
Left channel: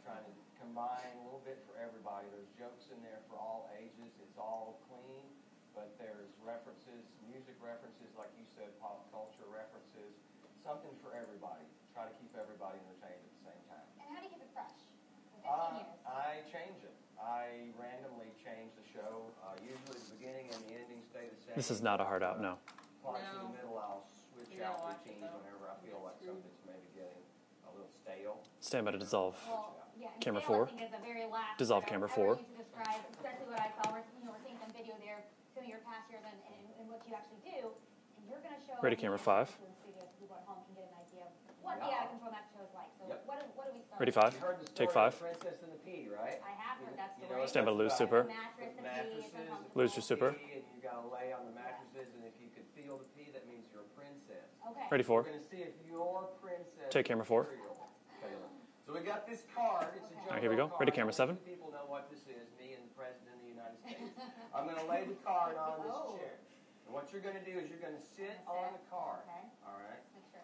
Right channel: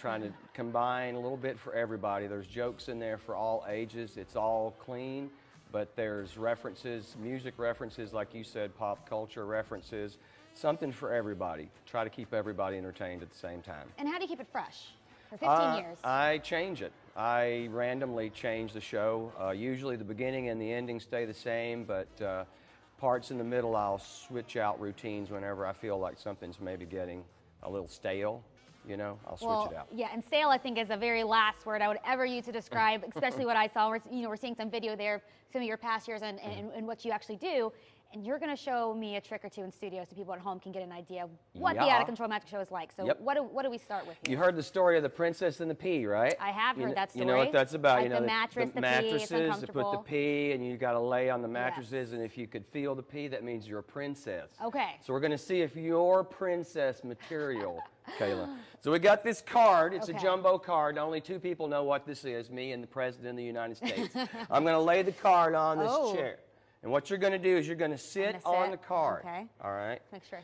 Trying to combine a little bit for everybody. There's jokes in there for all ages. It's all clean, but there's references, music references, like you said, pop culture references, something for everybody. Try to keep everybody entertained at the same time. And how do you keep it fresh for 15 years? I change it. I randomly change the show. Usually the beginning and the ending stay the same. This is not a hard out, no. Parts in the middle, I'll switch out routines whenever I feel like something's maybe getting a little stale. Stand by to dissolve. I'll switch it out. Yeah, and stale I think is the very last word I would ever use to describe, especially what I saw. We're seeing some video there, some of your past years and what you actually do. And you're going to show me a trick or two in studio so people at home can get an idea of what the Out of Control Magic Show is like. So what do we start with? You heard the story of the princess and the pea, right? I have heard that story. You know what that's about. The mattress, the mattresses, pea, it's put the pea, and you got to lay on the mattresses, and if you could feel the pea, that means you're a princess. Okay. So we're going to see if you're princess material, Kayla. So we got this card. It's a jumbo card. Only 2 people know what this is, me and the President of the United States. I'm going to lay the card on this chair. And what you're going to do is you're going to sit on the card. Okay. All right? Make sure.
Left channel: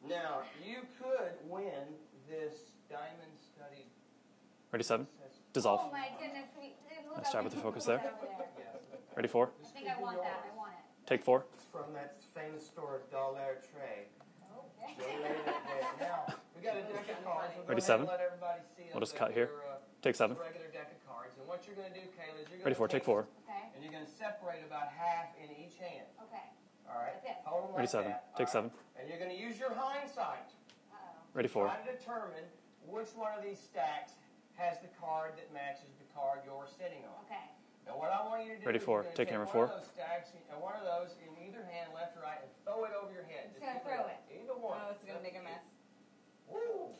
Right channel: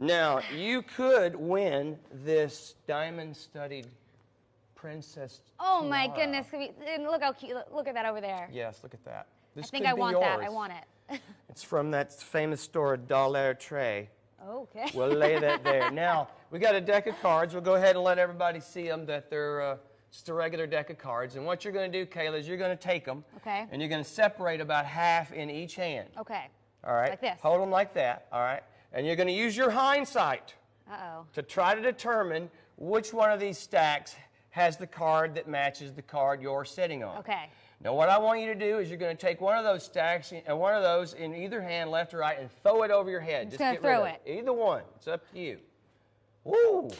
Now, you could win this diamond-studded princess. Oh, my goodness. Look how cute. Look at that over there. Yes, look at that. Ready, 4? I think I want that. I want it. Take 4. It's from that famous store, Dollar Tree. Okay. We'll lay that there. Now, we got a deck of cards. We'll go ahead and let everybody see them that they're just a regular deck of cards. And what you're going to do, Kayla, is you're going to take them. Okay. And you're going to separate about half in each hand. Okay. All right. Like this. Hold them like that. All right. And you're going to use your hindsight to try to determine which one of these stacks has the card that matches the card you're sitting on. Okay. Now, what I want you to do is you're going to take one of those stacks and one of those in either hand, left or right, and throw it over your head. Just going to throw it. Either one. It's up to you. Woo!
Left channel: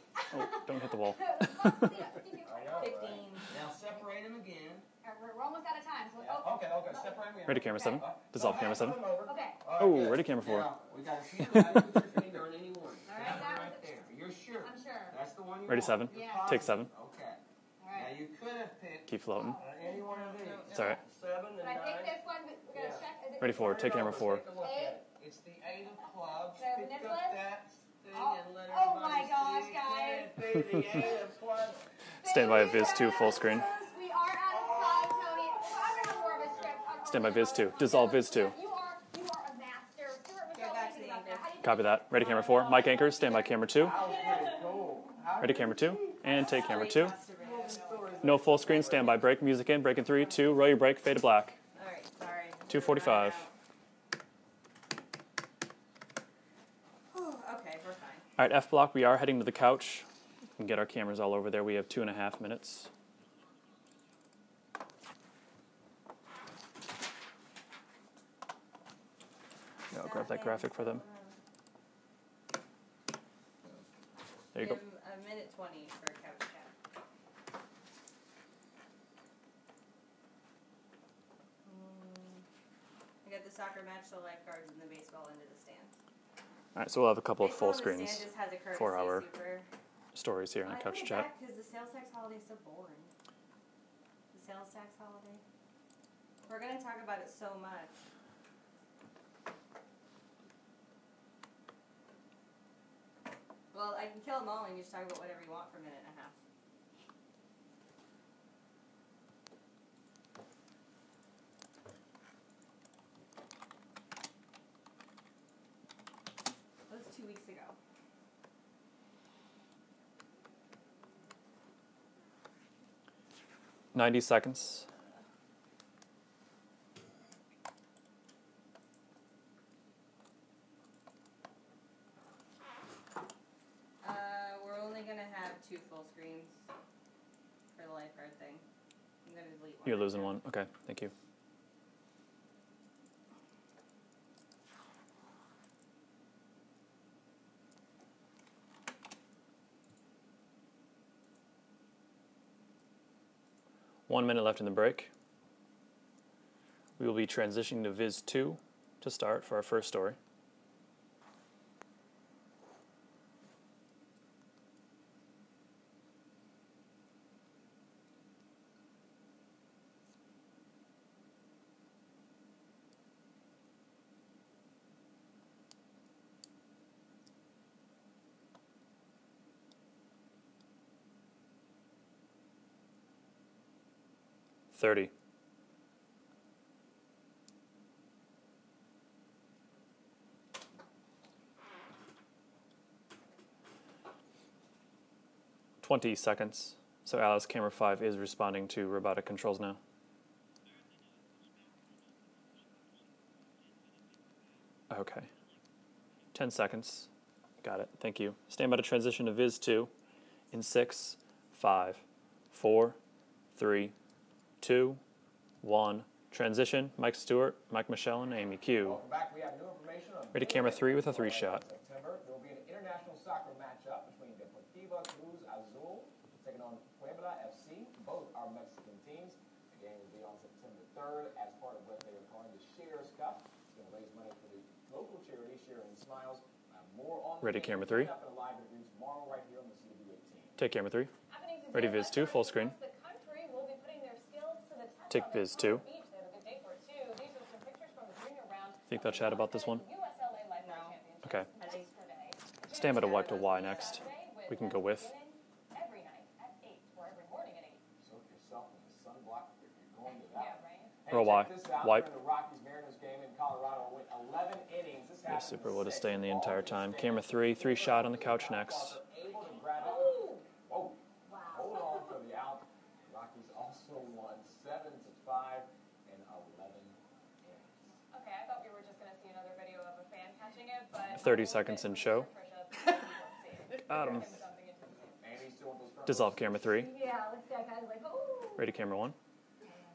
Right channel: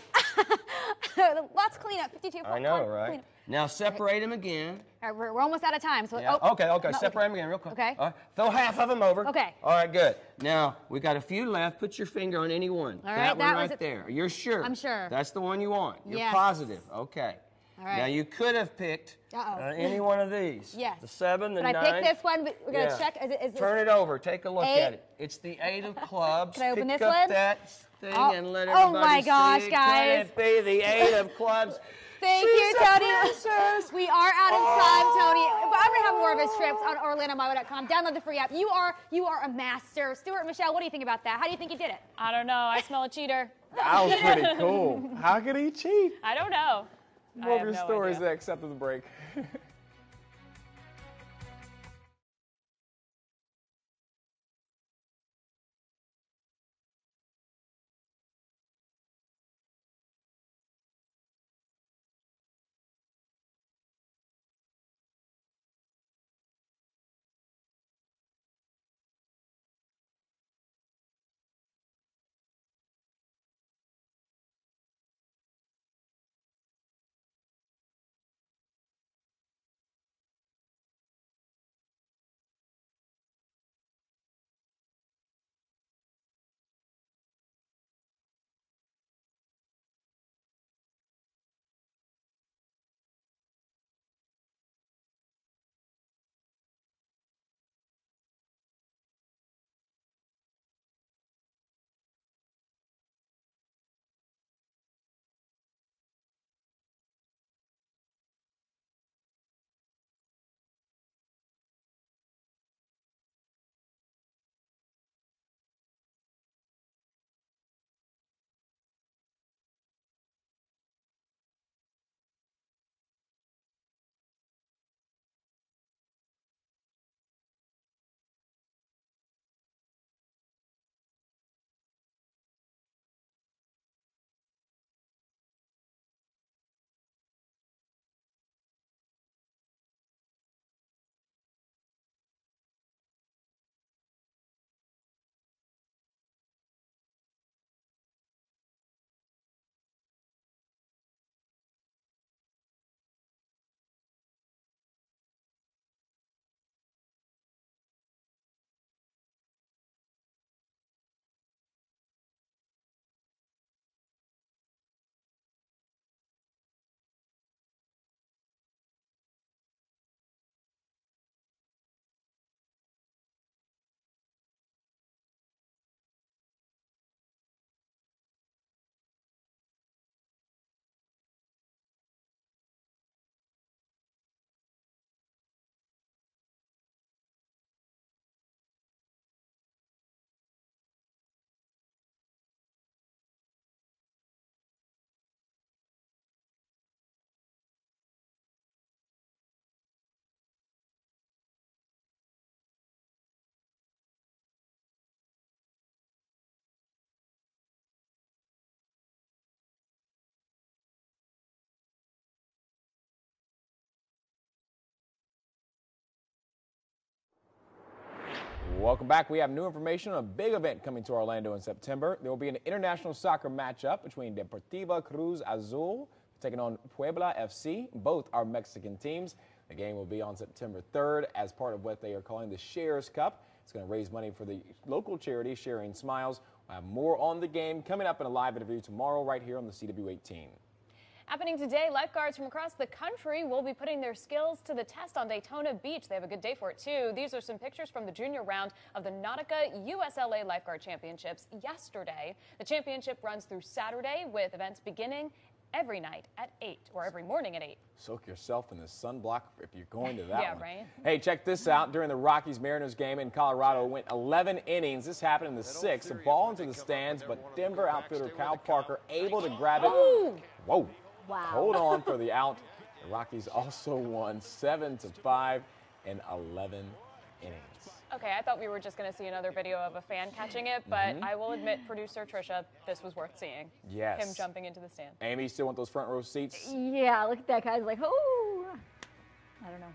Let's clean up. 52. I know, right? Now separate them again. All right, we're almost out of time. So Okay. Separate them again. Ready, camera, Throw half of them over. Okay. All right, good. Ready, camera, now, we got a few left. Put your finger on any one. All right, that one right there. You're sure? I'm sure. That's the one you Ready, want. 7. You're yeah. positive. Take 7. Okay. All right. Now, you could have picked any one of these. Yes. The 7, the But 9. I picked this one, but we're going to check. Turn it over. Take a look at it. It's the 8 of clubs. Can I open Pick this up one? that thing and let everybody Oh my gosh, see. guys. Can it be the 8 of clubs? Thank you, Tony. We are out of time, Tony. I'm going to have more of his trips on OrlandoMoto.com. Download the free app. You are a master. Stuart, Michelle, what do you think about that? How do you think you did it? Ready camera 4. Mike Anchors, stand by camera 2. That was pretty cool. How Ready camera 2. And take camera 2. No full screen, stand by. Break, music in, break in 3, 2, roll your brake, fade to black. All right, sorry. 2:45. Okay, we're fine. All right, F block, we are heading to the couch. We can get our cameras all over there. We have 2.5 minutes. I'll grab that graphic for them. There you go. A minute 20 for couch chat. I got the soccer match, the lifeguards, and the baseball into the stands. All right, so we'll have a couple of full screens just has a for our super. stories here on the couch chat. Because the sales tax holiday is so boring. The sales tax holiday. We're going to talk about it so much. Well, I can kill them all and you just talk about whatever you want for a minute and a half. That was 2 weeks ago. "90 seconds. We're only going to have 2 full screens for the lifeguard thing. I'm going to delete one. You're losing one. Okay, thank you. One minute left in the break. We will be transitioning to Viz 2 to start for our first story. "30. "20 seconds. So Alice, camera 5 is responding to robotic controls now. Okay. 10 seconds. Got it. Thank you. Stand by to transition to Viz 2 in 6, 5, 4, 3, 2, 1. Transition. Mike Stewart, Mike Michelle, and Amy Q. Welcome back. We have new information on a big event 3 with a 3 shot. In September. There will be an international soccer matchup between Deportiva Cruz Azul taking on Puebla FC. Both are Mexican teams. The game will be on September 3rd as part of what they are calling the Shares Cup. It's going to raise money for the local charity, Sharing Smiles. We'll have more on the game coming up in a live interview tomorrow right here on the CW18. Take camera 3. Happening today, lifeguards from across the country will be putting their skills to the test on Daytona Beach. They have a good day for it, too. These are some pictures from the junior round of the Nautica USLA Lifeguard Championships yesterday. The championship runs through Saturday with events beginning every night at 8 or every morning at 8. Soak yourself in the sunblock if you're going to that one. Right? Hey, check this out. During the Rockies-Mariners game in Colorado, went 11 innings. This happened in the 6th. The ball's in stands. Camera 3, 3 shot on the couch next. Parker able to grab it. Oh. Whoa. Wow. Hold on for the out. The Rockies also won 7-5 in 11 innings. Okay, I thought we were just going to see another video of a fan catching it, but 30 I will seconds admit, in producer Trisha, this was worth seeing. Yes. Him jumping into the stand. Amy, still want those front row Dissolve seats? camera 3. Yeah, look at that, guys. Like, oh. Ready camera 1. I don't know.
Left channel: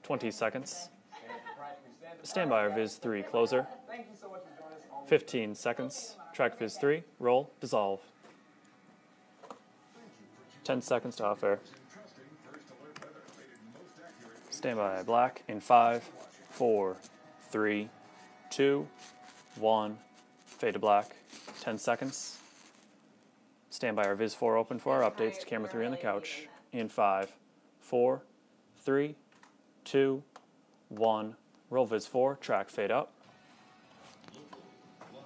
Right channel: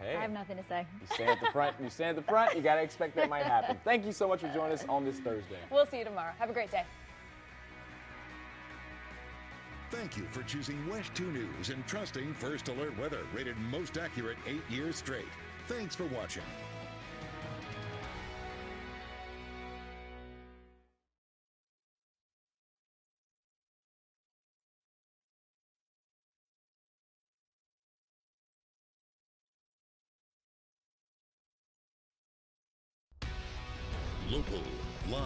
Hey, 20 seconds. You stand at the front. You stand at the front. Stand by You got to Viz expect 3 that closer. happen. Thank you so much for joining us on this 15 Thursday. seconds. We'll see you tomorrow. Track Viz 3. Roll. Dissolve. Thank you for choosing 10 seconds off air. and trusting First Alert Weather, rated most accurate 8 Stand years by straight. black in Thanks 5, for watching. 4, 3, 2, 1. Fade to black. 10 seconds. Stand by our Viz 4 open for our updates to camera 3 on the couch in 5, 4, 3, 2, 1. Roll Viz 4, track fade up. Local, live,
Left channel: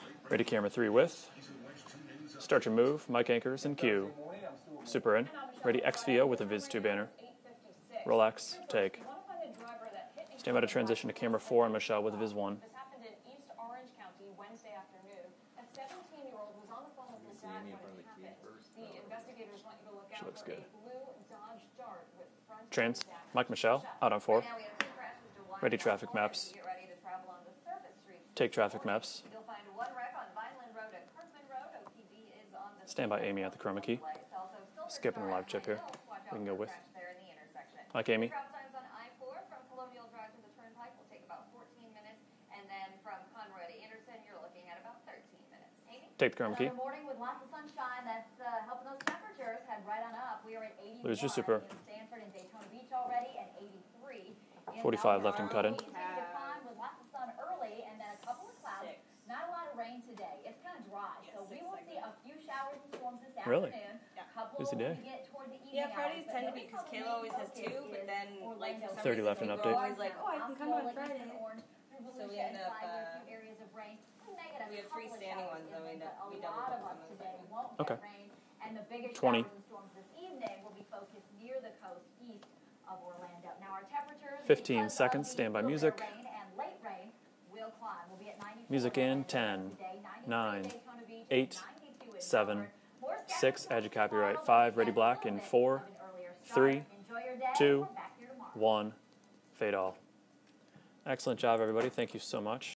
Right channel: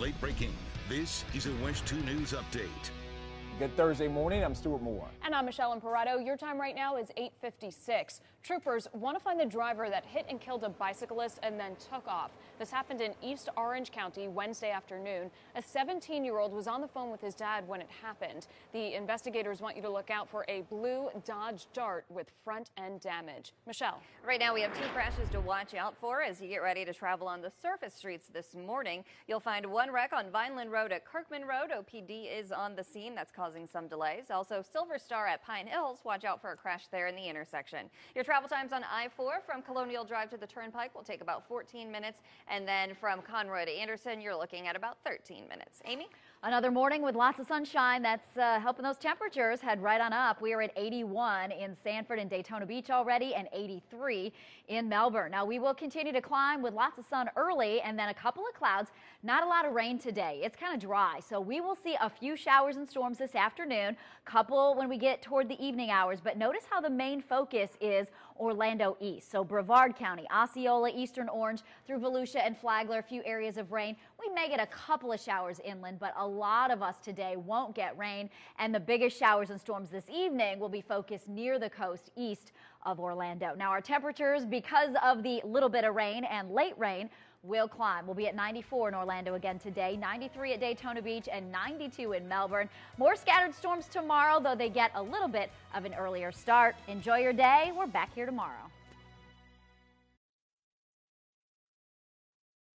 late breaking. Ready camera 3 WESH. Is a WESH 2 News update. Start your move, Mike Anchors, and Thursday morning, I'm Stuart Moore. Super in. And I'm Michelle Ready Alvarado. XVO Your with a time Viz right 2 now banner. is 8:56. Relax, Troopers take. want to find the driver that hit and Stand by killed to a transition to camera bicyclist 4, and then Michelle with took Viz off. 1. This happened in East Orange County Wednesday afternoon. A 17-year-old was on the phone with his dad when it happened. The investigators want you to look out for a blue Dodge Dart with front end damage. Mike Michelle, out on 4. Right now we have 2 crashes to watch out for as you get ready to travel on the surface streets this morning. You'll find 1 wreck on Vineland Road at Kirkman Road. OPD is on the scene. That's causing some delays. Also, Silver Star at Pine Hills. Watch out for a crash there in the intersection. Your travel times on I-4 from Colonial Drive to the Turnpike will take about 14 minutes. And then from Conroy to Anderson, you're looking at about 13 minutes. Amy? Another morning with lots of sunshine. That's helping those temperatures head right on up. We are at 81 in Sanford and Daytona Beach already and 83 in Melbourne. Now, we will continue to climb with lots of sun early and then a couple of clouds. Not a lot of rain today. It's kind of dry, so we will see a few showers and storms this afternoon. Couple when we get toward the evening hours, but notice how the main focus is Orlando East. So Brevard County, Osceola, Eastern Orange, through Volusia and Flagler, a few areas of rain. We may get a couple of showers inland, but a lot of us today won't get rain. And the biggest showers and storms this evening will be focused near the coast east of Orlando. Now our temperatures, because of the little bit of rain and late rain, will climb. We'll be at 94 in Orlando again today, 93 at Daytona Beach, and 92 in Melbourne. More scattered storms tomorrow, though they get a little bit of an earlier start. Enjoy your day. We're back here tomorrow. 1, fade all. Excellent job, everybody. Thank you so much.